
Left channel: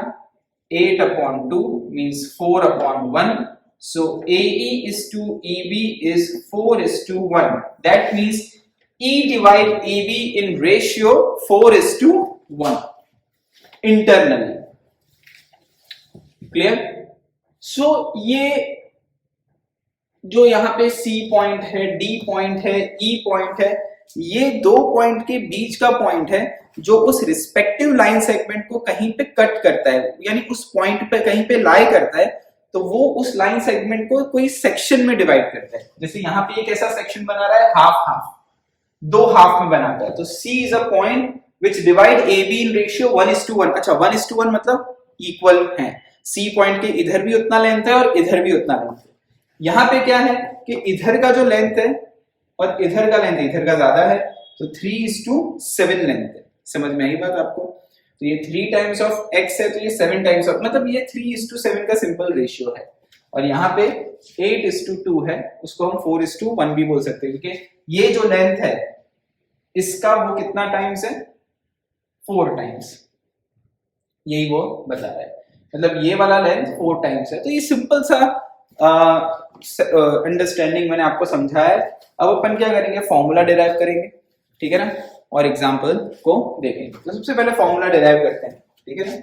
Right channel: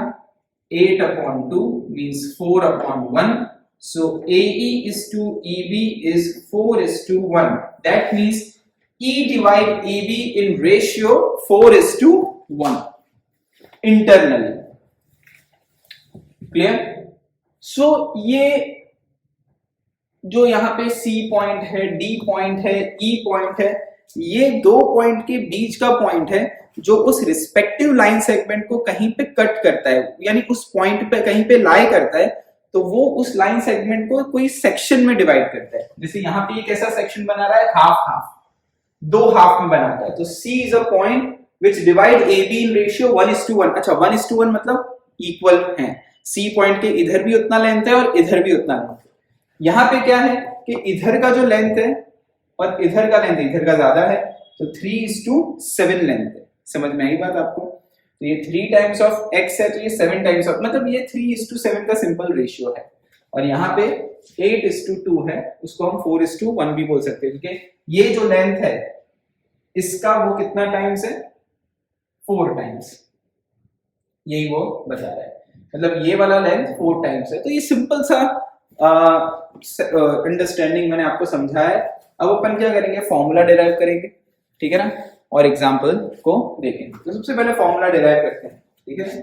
8/2 means 4/1. So AE is to EB is 4:1. That means E divide AB in ratio 4:1 internally. Clear? So ये जो यहाँ पे C पॉइंट है, D पॉइंट है, E पॉइंट है, ये दो पॉइंट के बीच का पॉइंट है जो उस रिस्पेक्टिव लाइन सेगमेंट को कहीं पे कट करता है, यानी उस पॉइंट पे कहीं पे लाई करता है, तो वो उस लाइन सेगमेंट को कोई सेक्शन में डिवाइड करता है. जैसे यहाँ पे एक ऐसा सेक्शन बना रहा है, हाफ हाफ, दो हाफ में बनाता है. तो C is a point which divide AB in ratio 1:1. अच्छा 1:1 मतलब इक्वल है. C पॉइंट के इधर भी उतना लेंथ है और इधर भी उतना लेंथ है. यहाँ पे क्या है कि इधर का जो लेंथ है और इधर का लेंथ इधर का ज्यादा है, तो 3:7 लेंथ है. समझ में आई बात आपको? तो ये 3 टाइम्स ऑफ x है, तो ये 7 टाइम्स ऑफ, मतलब ये 3:7 का सिंपल रेशियो है. और यहाँ पे 8:2 है, उसको हम 4:1 भी बोल सकते हैं, क्योंकि ये जो लेंथ है इसका वो कितना टाइम्स है 4 टाइम्स. यही वो बता रहा है, मतलब ये वाला लेंथ 4 टाइम्स है. तो ये सिंपल सा अंडरस्टैंडिंग मैंने आपको समझाया है. अब अपन क्या करेंगे, फॉर्मूला डिराइव करेंगे, ठीक है ना, और एग्जाम्पल को देखेंगे. तो सबसे पहले फॉर्मूला डिराइव करते हैं, ठीक है.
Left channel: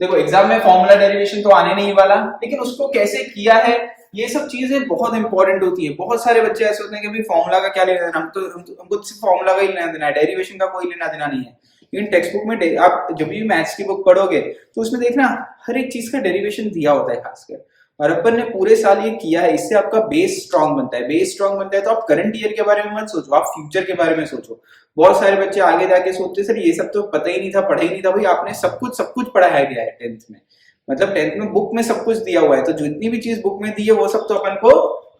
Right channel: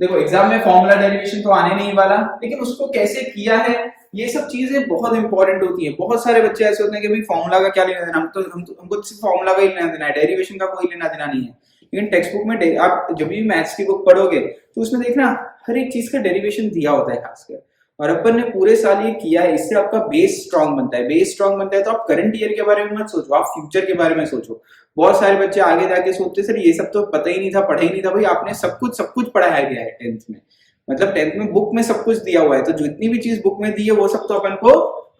देखो एग्जाम में फॉर्मूला डेरिवेशन तो आने नहीं वाला, लेकिन उसको कैसे किया है ये सब चीजें बहुत इंपॉर्टेंट होती है. बहुत सारे बच्चे ऐसे होते हैं कि भाई फॉर्मूला का क्या लेना देना, हमको सिर्फ फॉर्मूला का ही लेना देना है, डेरिवेशन का कोई लेना देना नहीं है. लेकिन टेक्स्ट बुक में आप जब भी मैथ्स की बुक पढ़ोगे तो उसमें देखना हर एक चीज का डेरिवेशन दिया होता है खासकर, और अपन ने पूरे साल ये किया है. इससे आपका बेस स्ट्रांग बनता है. बेस स्ट्रांग बनता है तो आप करंट ईयर के बारे में मत सोचो, आप फ्यूचर के बारे में सोचो. बहुत सारे बच्चे आगे जाके सोचते सर ये सब तो पता ही नहीं था, पढ़ा ही नहीं था. भाई आपने सब कुछ पढ़ाया गया है 10th में, मतलब 10th में बुक में सब कुछ दिया हुआ है, तो जितनी भी चीज बुक में दी है वो सब तो अपन को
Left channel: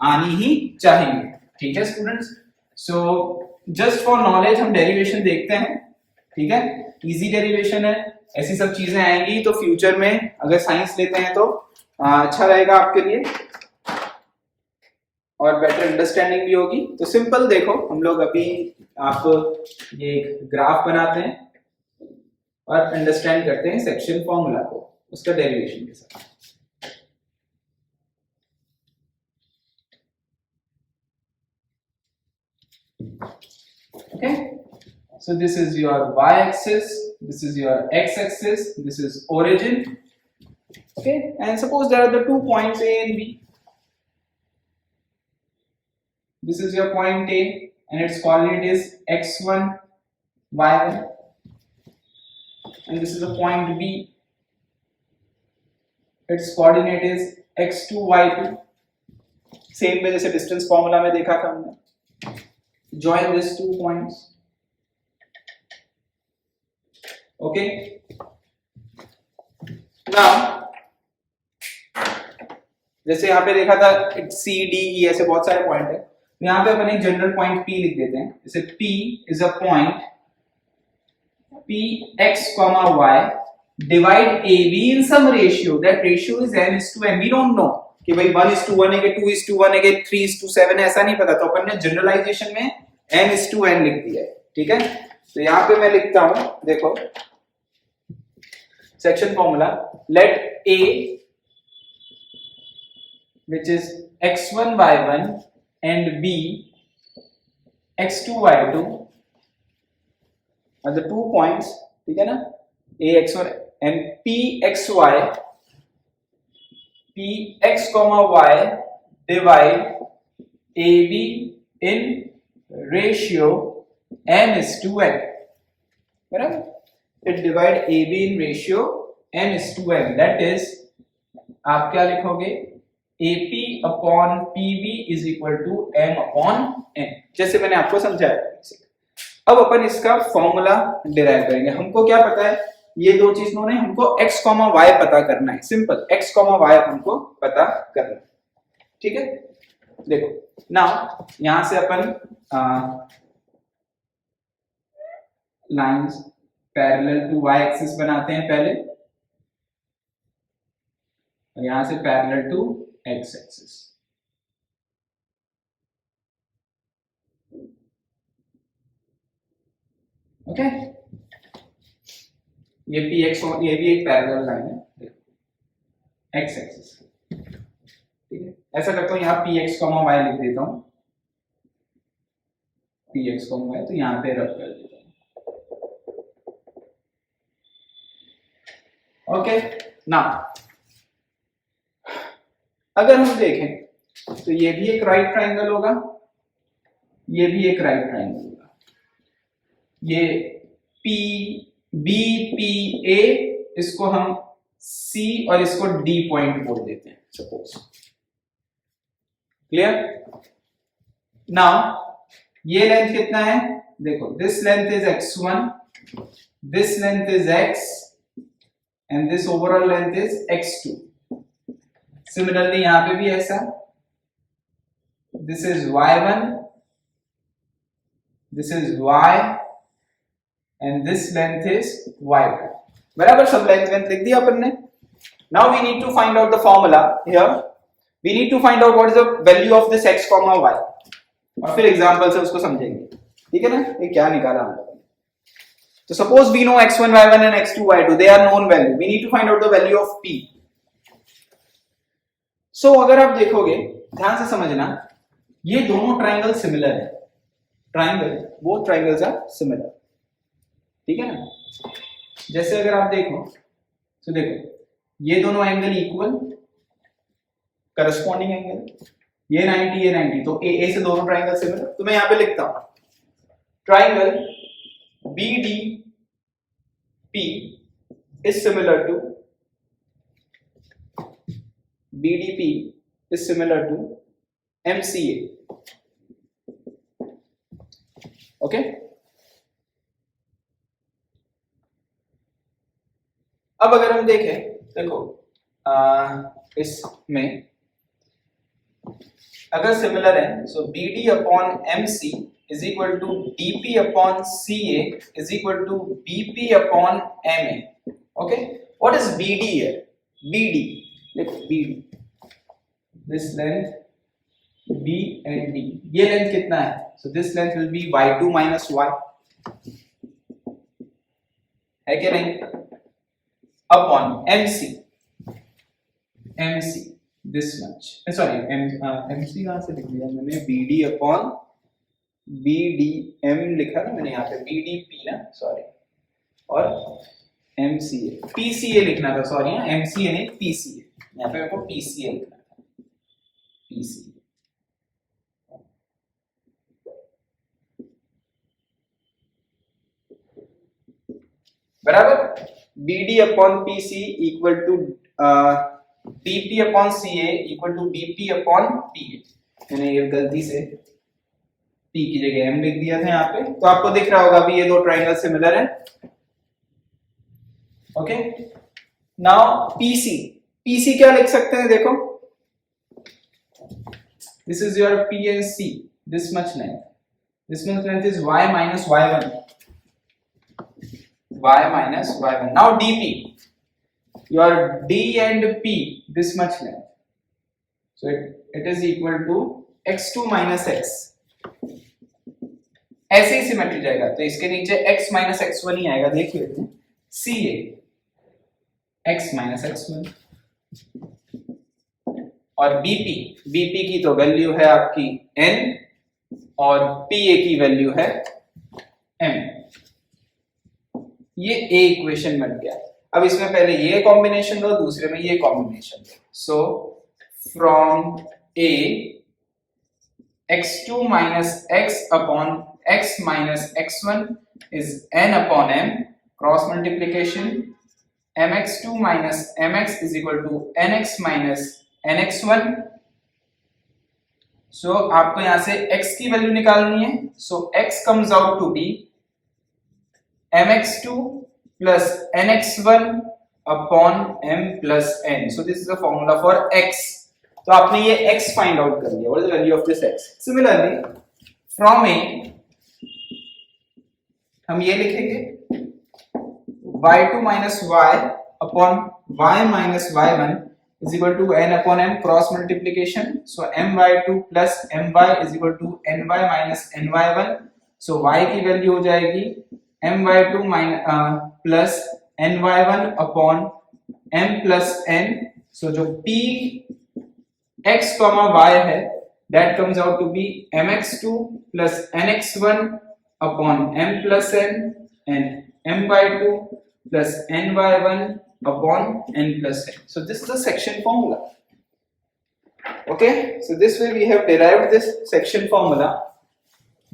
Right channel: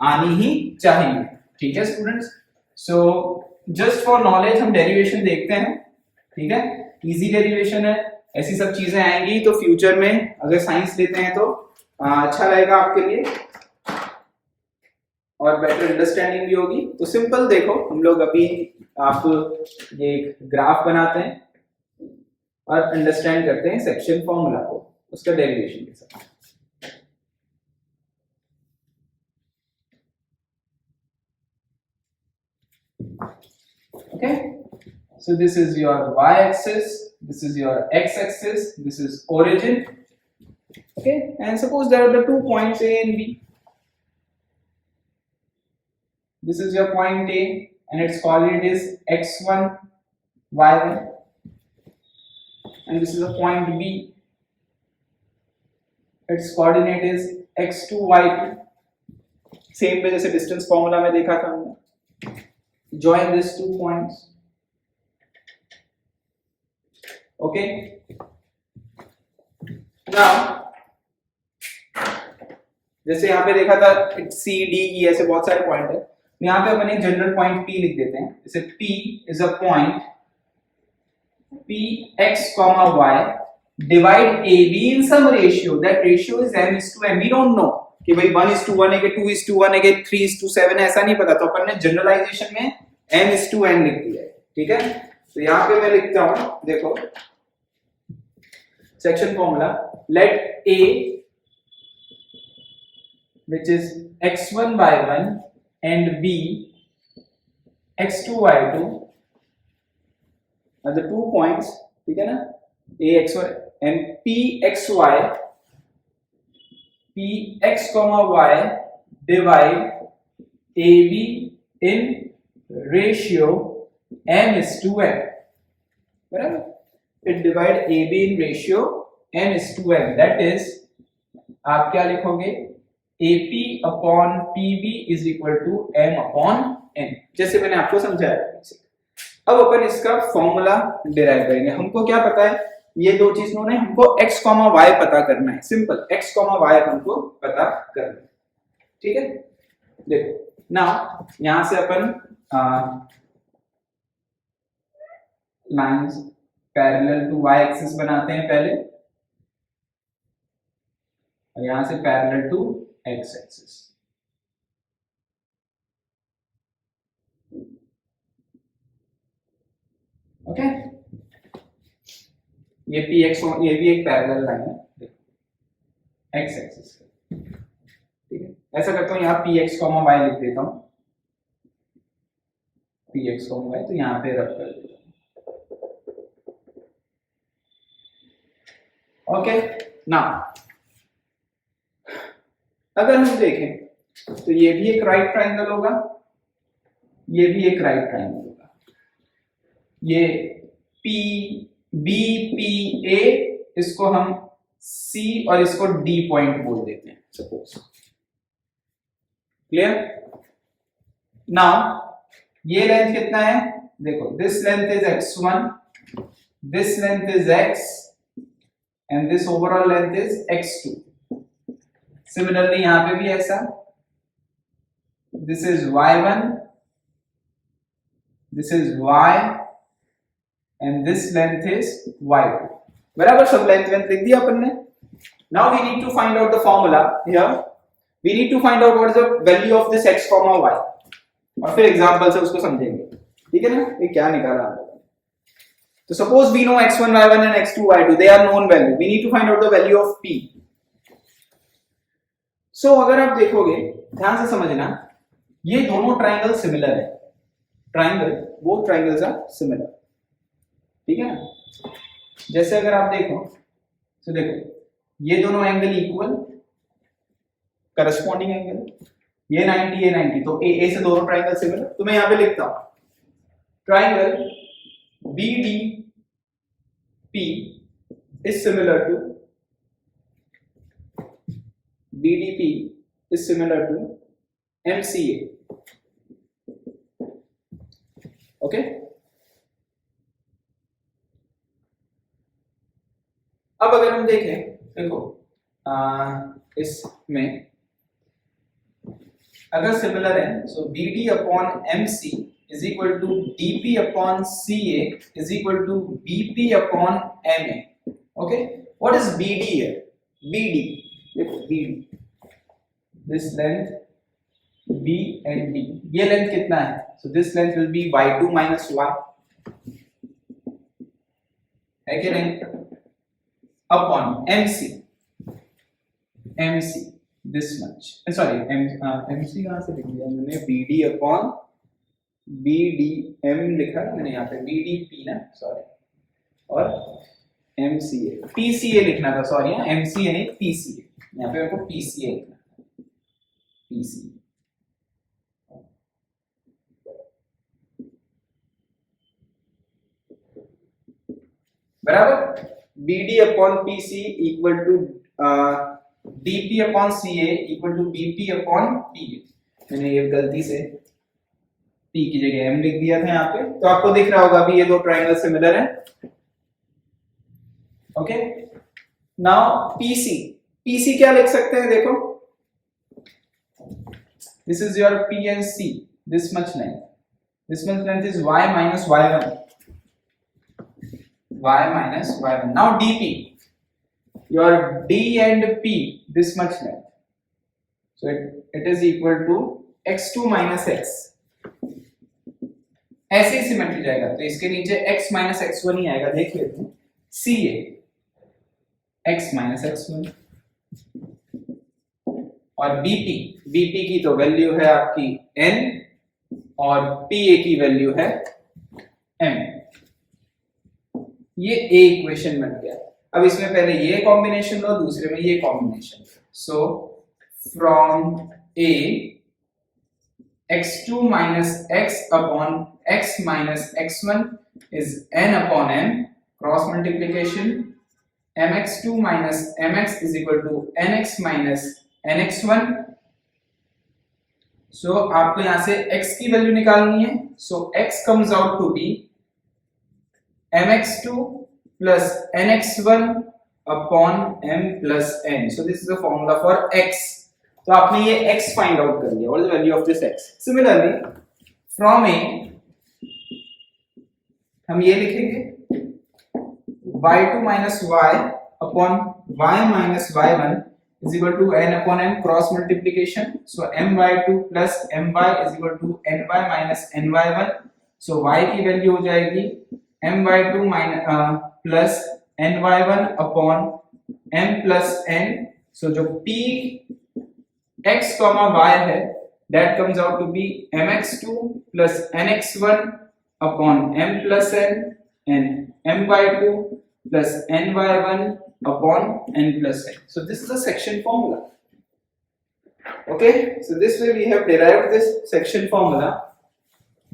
आनी ही चाहिए. ठीक है students, so just for knowledge हम डेरिवेशन देखते हैं, ठीक है. इजी डेरिवेशन है, ऐसी सब चीजें आएंगी तो फ्यूचर में अगर साइंस लेते हैं तो अच्छा रहेगा आपके लिए और बेटर अंडरस्टैंडिंग भी होगी. तो सिंपल देखो, हम लोग अभी आप ये एक ग्राफ बनाते हैं और अंडरस्टैंड करते हैं सेक्शन फॉर्मूला को उसका डेरिवेशन के साथ. Okay, so this is your y-axis, this is your x-axis, this is origin. Okay, and suppose there are the 2 points A and B. This is your point A and its coordinate is x1, y1, and this is a point B. Its coordinate is x2, y2. Same way जैसे distance formula में देखा था हमने. Join these 2 points. Okay. Now जैसे यहाँ पे देखा था C, D, E ऐसे बहुत सारे पॉइंट है. यहाँ पे अपन एक जनरल पॉइंट P लिख देते हैं. जैसे P is a point P x, y divide AB in some ratio. That ratio is m:n. We don't know कि भाई 1:1 है कि 2:1 है कि 3:7 है, ऐसा नहीं पता. तो अपन ने जनरलाइजेशन में m:n लिख दिया है. ठीक है, तो यहाँ पे मैं लिखता हूं, देखो section formula. Let A which is x1, y1 and B x2, y2 are the 2 points. ठीक है ना, A x1 and P xy, P x, y divide AB in ratio m:n. बराबर, it divide AB in ratio m:n. That is आप क्या लिखोगे, AP upon PB is equal to m upon n, जैसे मैंने आपको समझाया. अब अपन इसका फॉर्मूला डिराइव करेंगे। हमको क्या पता है, ये दो चीज ने हमको x, y पता करना है। सिंपल, x, y हमको पता करना है। ठीक है, देखो नाउ यहां से अपन lines parallel to y axis बनाते हैं पहले, और यहां से parallel to x axis. Okay, ये px, ये भी एक पैरेलल लाइन है, देखो x एक्सिस। ठीक है, ऐसा करता हूं, यहाँ px, y लिख देता हूं, px, y, तो यहाँ पे रख कर देता हूं। ओके, ना अगर हम देखें तो ये भी एक राइट ट्राइंगल होगा, ये भी एक राइट ट्राइंगल होगा। ये पी बी पी ए, इसको हम सी और इसको डी पॉइंट बोल देते हैं सपोज। क्लियर? नाउ ये लेंथ कितना है, देखो this length is x1, this length is x and this overall length is x2। Similarly यहां पे भी ऐसा, this is y1, this is y and this length is y2। बराबर, सब लेंथ लिख दिया अपन ने। Now we need to find out the formula here, we need to find out what is the value of this x, y, और फिर एग्जांपल से उसको समझेंगे। ठीक है ना, ये क्या निकाला हमने। तो suppose we know x1 y1 and x2 y2, they are known value, we need to find out the value of p। so अगर आप देखोगे, ध्यान से समझना, ये दोनों ट्राइंगल सिमिलर है, triangle, both triangles are similar. ठीक है ना, जैसे अगर आप देखो तो देखो ये दोनों एंगल इक्वल, करस्पॉन्डिंग एंगल, ये 90 ये 90, तो ए से दोनों ट्राइंगल सिमिलर। तो मैं यहां पे लिखता हूं triangle BDP is similar to BDP is similar to MCA। Okay, अब अगर हम देखें, देखो इसमें अगर सिमिलर है, so BD upon MC is equal to DP upon CA is equal to BP upon MA। Okay, what is BD है? BD, देखो BD, this length B and D, ये लेंथ कितना है? So this length will be y2 minus y, है कि नहीं? Upon MC, MC this much, sorry MC कहां से लिख दिया मैंने, BD अपॉन BDM लिखा ना मैंने यहाँ पे, BDP ना, सॉरी, और MCA, PCA लिखना था, सॉरी, MCA नहीं PCA, यहाँ पे मेरे को PCA लिखना था, PCA। बराबर, BD upon PC equal to BP upon CA equal to BP upon PA। मैंने ये गलती से P की जगह M लिख दिया था यहाँ पे, तो आपको दिख रहा होगा भी ये दो ट्राइंगल सिमिलर हैं। ओके, नाउ PC क्या लिख सकते हैं, देखो this is your P and C, this much length is y minus y1, y minus y1। now DP, your D and P, this much length, so it is equal to x2 minus x। ऐसे ही सिमेट्री जाएगा, तो इसके नीचे x minus x1 ही आएगा, देख लेते हैं, CA x minus x1, और BP की तो वैल्यू है आपकी n, और PA की वैल्यू है m। ये A इक्वेशन बन गया। अब इसमें पहले ये कॉम्बिनेशन लो, दूसरे में ये combination low. So from A, x2 minus x upon x minus x1 is n upon m, cross multiplication, mx2 minus mx is equal to nx minus nx1। सो आपको यहां से x की वैल्यू निकालनी है, सो x comes out to be mx2 plus nx1 upon m plus n. So this is the formula for x. तो आपने ये x फाइंड आउट कर लिया. What is the value of this x? Similarly, from a हम ये लिखेंगे y2 minus y upon y minus y1 is equal to n upon m cross multiplication. So my2 plus my is equal to ny minus ny1. So y की वैल्यू हो जाएगी my2 minus plus ny1 upon m plus n. So जो p x comma y है that comes out to be mx2 plus nx1 upon m plus n and my2 plus ny1 upon n plus n. So this is the section formula. Okay, so this way we have derived this section formula,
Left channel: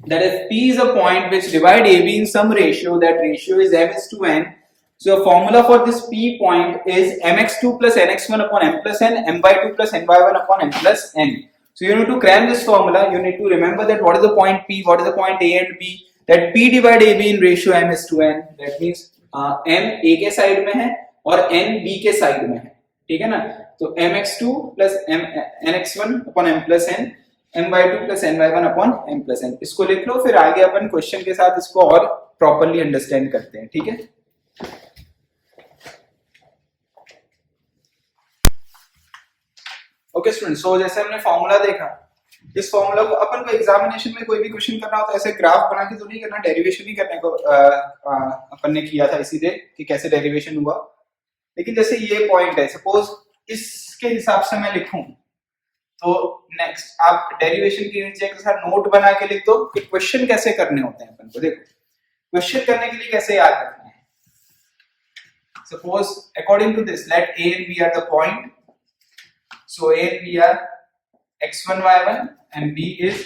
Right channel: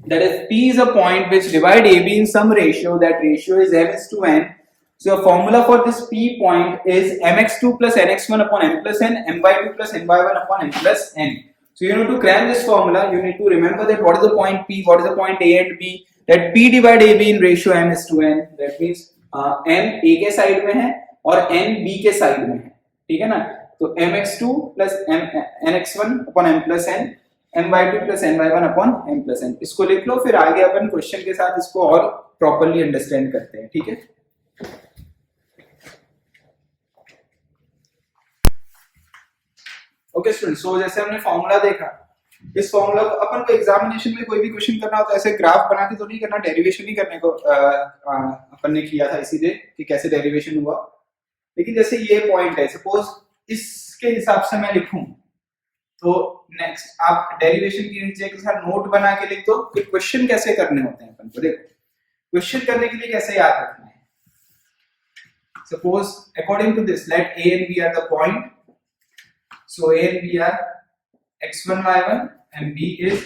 that is p is a point which divide AB in some ratio, that ratio is m is to n. So the formula for this p point is mx2 plus nx1 upon m plus n, m by 2 plus ny1 upon m plus n. So you need to cram this formula. You need to remember that what is the point p, what is the point a and b, that p divide ab in ratio m is to n. That means m a के साइड में है और n b के साइड में है, ठीक है ना. तो mx2 plus nx1 upon m plus n, m by 2 plus ny1 upon m plus n. इसको लिख लो, फिर आगे अपन क्वेश्चन के साथ इसको और प्रॉपर्ली अंडरस्टैंड करते हैं, ठीक है. ओके स्टूडेंट, सो जैसे हमने फॉर्मूला देखा, इस फॉर्मूला को अपन को एग्जामिनेशन में कोई भी क्वेश्चन करना हो तो ऐसे ग्राफ बना के तो नहीं करना, डेरिवेशन ही करने को अपन ने किया था इसीलिए कि कैसे डेरिवेशन हुआ. लेकिन जैसे ये पॉइंट है, सपोज इसके हिसाब से मैं लिखूं तो नेक्स्ट आप डेरिवेशन के नीचे के साथ नोट बना के लिख दो कि क्वेश्चन कैसे करने होते हैं अपन को. देखो क्वेश्चन करने के लिए कैसे याद रखना है. Suppose according to this let a and b are the point. So a and b are x1 y1 and b is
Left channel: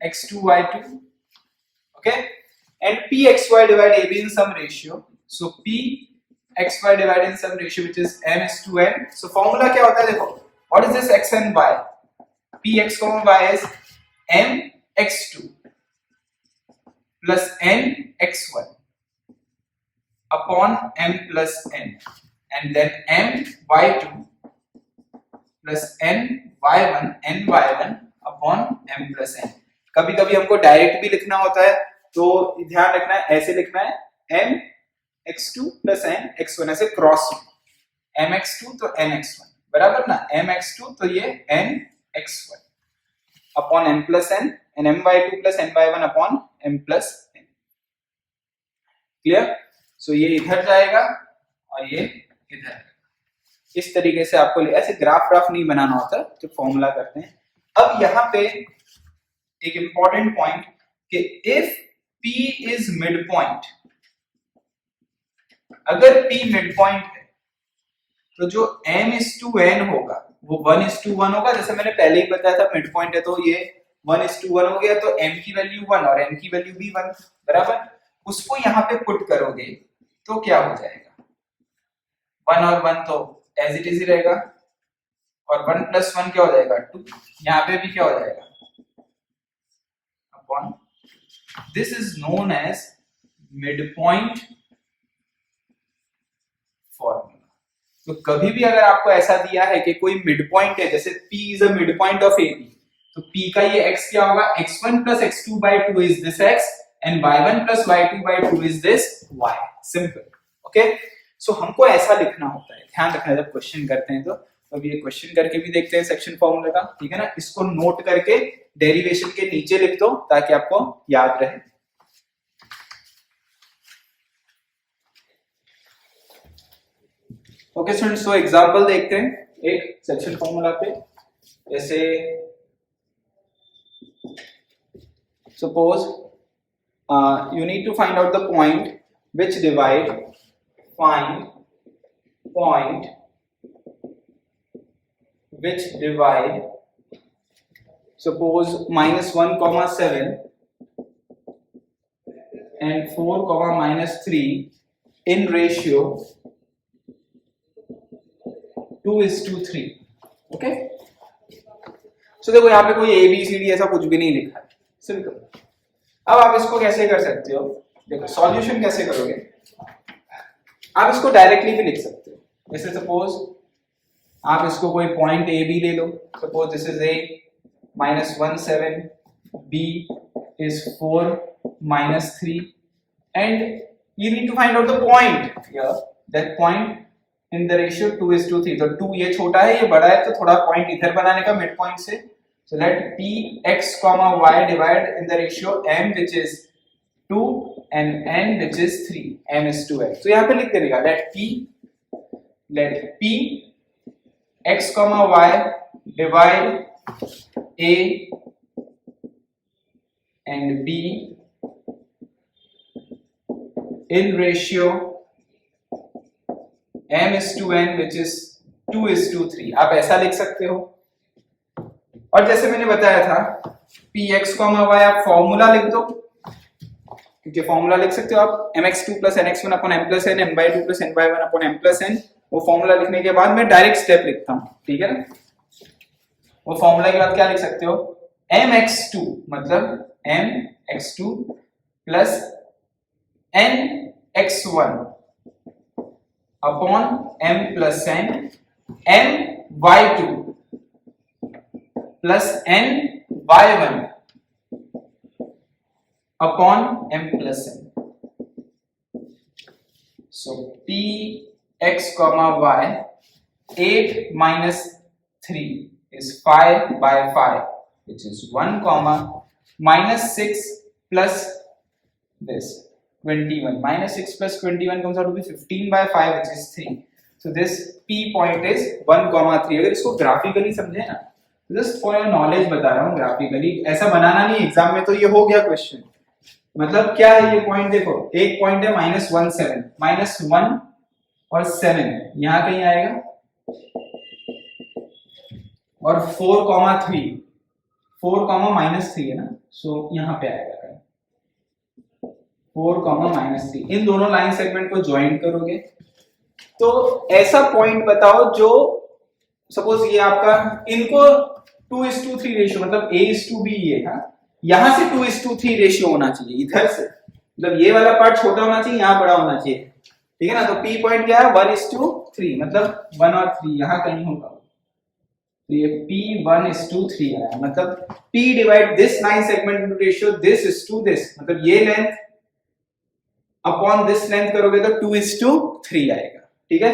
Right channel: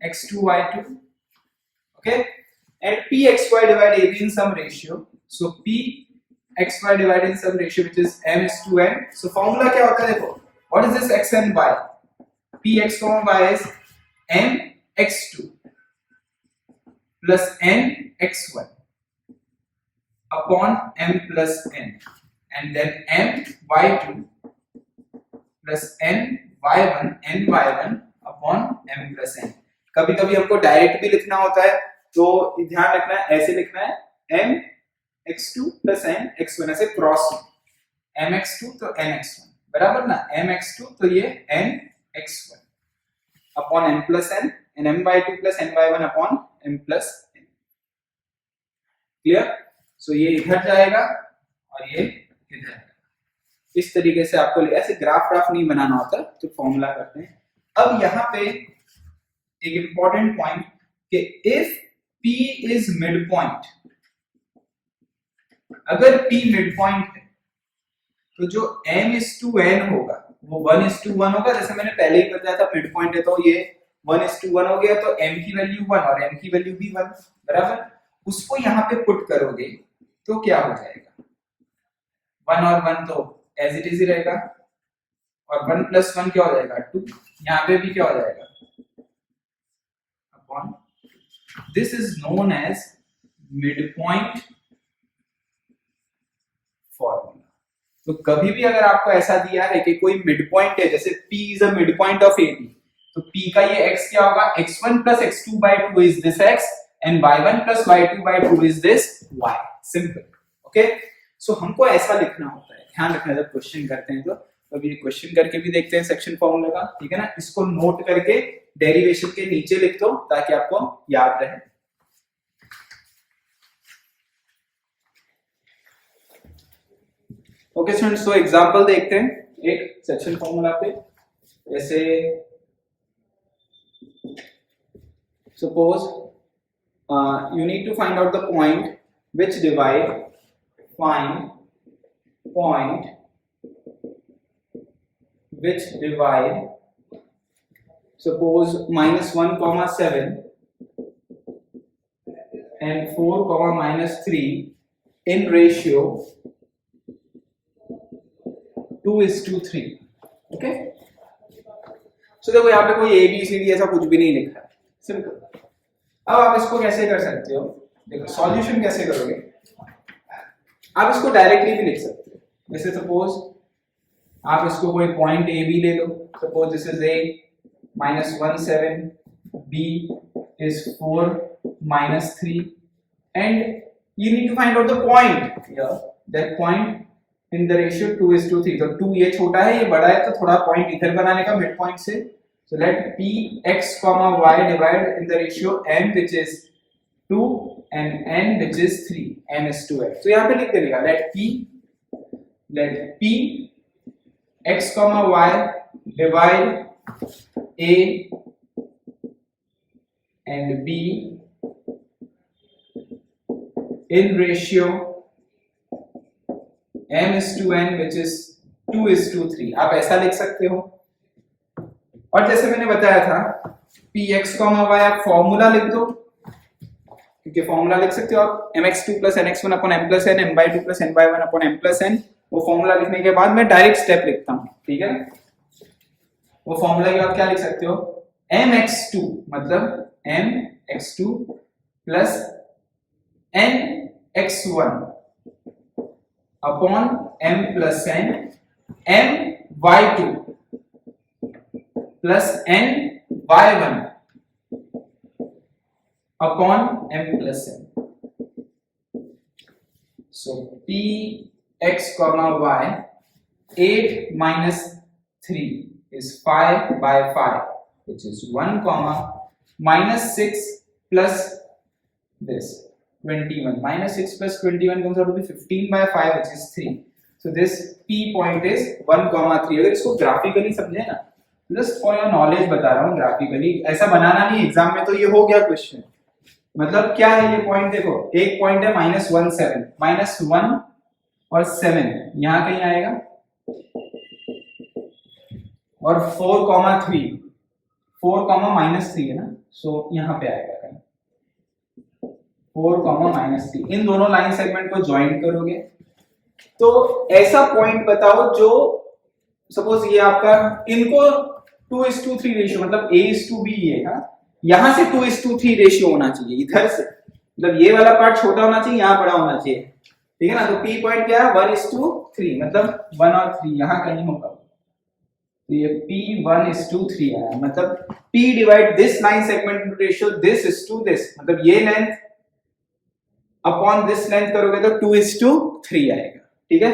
x2 y2. Okay, and p xy divide ab in some ratio. So p xy divided in some ratio which is m is to n. So formula क्या होता है, देखो what is this x and y. p x comma y is m x2 plus n x1 upon m plus n, and then m y2 plus n y1 n y1 upon m plus n. कभी कभी हमको डायरेक्ट भी लिखना होता है तो ध्यान रखना है, ऐसे लिखना है m x2 plus n x1, ऐसे क्रॉस m x2 तो n x1 बराबर ना, m x2 तो ये n x1 upon m plus n and m by 2 plus n by 1 upon m plus n. Clear. So ये इधर जाएगा और ये इधर आएगा. इस तरीके से आपको ऐसे ग्राफ नहीं बनाना होता तो फॉर्मूला करते हैं. अब यहाँ पे एक इंपॉर्टेंट पॉइंट कि if P is mid point, अगर P मिड पॉइंट है तो जो m is to n होगा वो 1 is to 1 होगा. जैसे मैंने पहले ही बताया था मिड पॉइंट है तो ये 1 is to 1 हो गया, तो m की वैल्यू 1 और n की वैल्यू भी 1 बराबर. उसको यहाँ पे पुट करोगे तो क्या हो जाएगा, 1 और 1 तो एज इट इज ही रहेगा और 1 plus 1 क्या हो जाएगा 2. यहाँ पे भी क्या हो जाएगा upon. This is known as mid point formula. तो कभी भी अगर आपको ऐसा दिया है कि कोई मिड पॉइंट है, जैसे P is a mid point of AB, तो P का ये x क्या होगा, x1 plus x2 by 2 is this x and y1 plus y2 by 2 is this y. Simple. Okay, so हमको ऐसा लिखना होता है, ध्यान रखना जब क्वेश्चन करते हैं तो. अब ये क्वेश्चन करके भी देखते हैं सेक्शन फॉर्मूला का, ठीक है ना. इसको नोट करके डेरिवेशन के नीचे लिख दो ताकि आपको याद रहे. ओके स्टूडेंट्स, सो एग्जांपल देखते हैं एक सेक्शन फॉर्मूला पे. जैसे suppose you need to find out the point which divide, find point which divide, suppose -1 comma 7 and 4 comma -3 in ratio 2:3. Okay, सो देखो यहाँ पे कोई ABCD ऐसा कुछ भी नहीं लिखा है, सिंपल. अब आप इसको कैसे कर सकते हो, देखो सॉल्यूशन कैसे करोगे, आप इसको डायरेक्टली भी लिख सकते हो। जैसे सपोज आप इसको कोई पॉइंट ए बी ले लो, suppose this is A -17, b is 4 -3 and you need to find out the point here, that point in the ratio 2:3। तो 2 ये छोटा है ये बड़ा है, तो थोड़ा पॉइंट इधर बनाने का मिड पॉइंट से। so let p x, y divide in the ratio m which is 2 and n which is 3, m is 2x। तो यहाँ पे लिख देगा let p x, y divide a and b in ratio m is to n which is 2:3। आप ऐसा लिख सकते हो। और जैसे मैंने बताया था px, y आप फॉर्मूला लिख दो, क्योंकि फॉर्मूला लिख सकते हो आप mx2 + nx1 / m + n, m/2 + n/1 / m + n। वो फॉर्मूला लिखने के बाद मैं डायरेक्ट स्टेप लिखता हूं, ठीक है ना। वो फॉर्मूला के बाद क्या लिख सकते हो, mx2 मतलब mx2 + nx1 upon m + n, my2 + ny1 upon m + n। so px, y 8 - 3 is 5/5 which is 1, -6 plus this 21, -6 plus 21 comes out to be 15/5 which is 3। so this p point is 1, 3। अगर इसको ग्राफिकली समझे ना, जस्ट फॉर योर नॉलेज बता रहा हूँ, ग्राफिकली ऐसा बनाना नहीं एग्जाम में, तो ये हो गया क्वेश्चन। मतलब क्या है ये पॉइंट, देखो एक पॉइंट है -17, -1 और 7 यहाँ कहीं आएगा, और 4, 3 है ना, सो यहाँ पे आएगा कहीं 4, -3। इन दोनों लाइन सेगमेंट को ज्वाइन करोगे तो ऐसा पॉइंट बताओ जो सपोज ये आपका, इनको 2:3 रेशियो, मतलब a:b है ना, यहां से 2:3 रेशियो होना चाहिए इधर से, मतलब ये वाला पार्ट छोटा होना चाहिए, यहाँ बड़ा होना चाहिए, ठीक है ना। तो p पॉइंट क्या है 1:3, मतलब 1 और 3 यहाँ कहीं होगा, तो ये p 1:3 आया, मतलब p divide this line segment into ratio this is to this, मतलब ये लेंथ अपॉन दिस लेंथ करोगे तो 2:3 आएगा, ठीक है।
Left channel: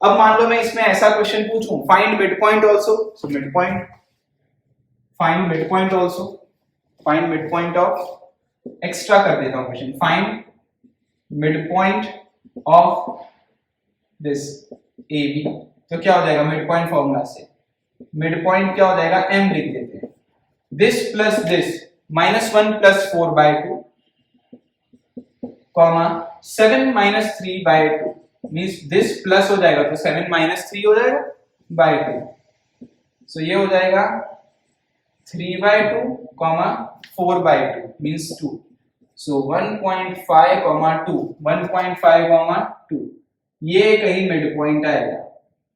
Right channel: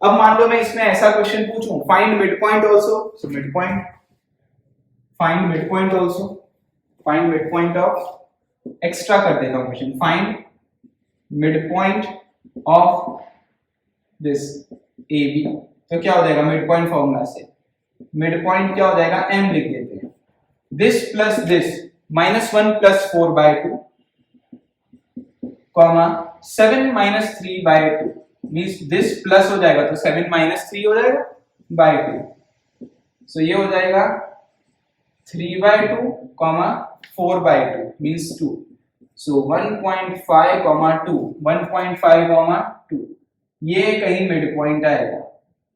अब मान लो मैं इसमें ऐसा क्वेश्चन पूछूं, find mid point also, so mid point, find mid point also, find mid point of, extra कर देता हूं question, find mid point of this AB। तो क्या हो जाएगा मिड पॉइंट फॉर्मूला से, मिड पॉइंट क्या हो जाएगा, m लिख देते हैं, this plus this -1 + 4/2, 7 - 3/2 means this plus हो जाएगा तो 7 - 3 हो जाएगा /2, सो ये हो जाएगा 3/2, 4/2 मींस 2, सो 1.5, 2, 1.5, 2, ये कहीं मिड पॉइंट आएगा,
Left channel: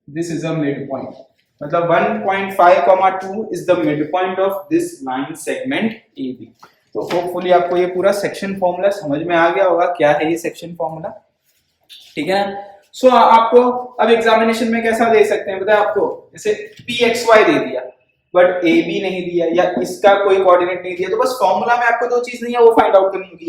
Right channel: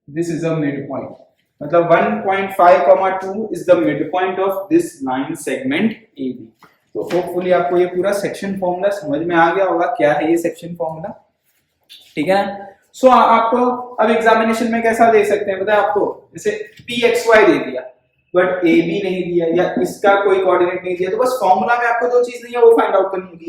this is a mid point, मतलब 1.5, 2 is the mid point of this line segment AB। तो होपफुली आपको ये पूरा सेक्शन फॉर्मूला समझ में आ गया होगा, क्या है ये सेक्शन फॉर्मूला, ठीक है। सो आपको अब एग्जामिनेशन में कैसा दे सकते हैं, बताए आपको, जैसे pxy दे दिया बट AB नहीं दिया, या इसका कोई कोऑर्डिनेट नहीं दिया, तो बस फॉर्मूला में आपको दो चीज नहीं है वो फाइंड आउट करनी होगी,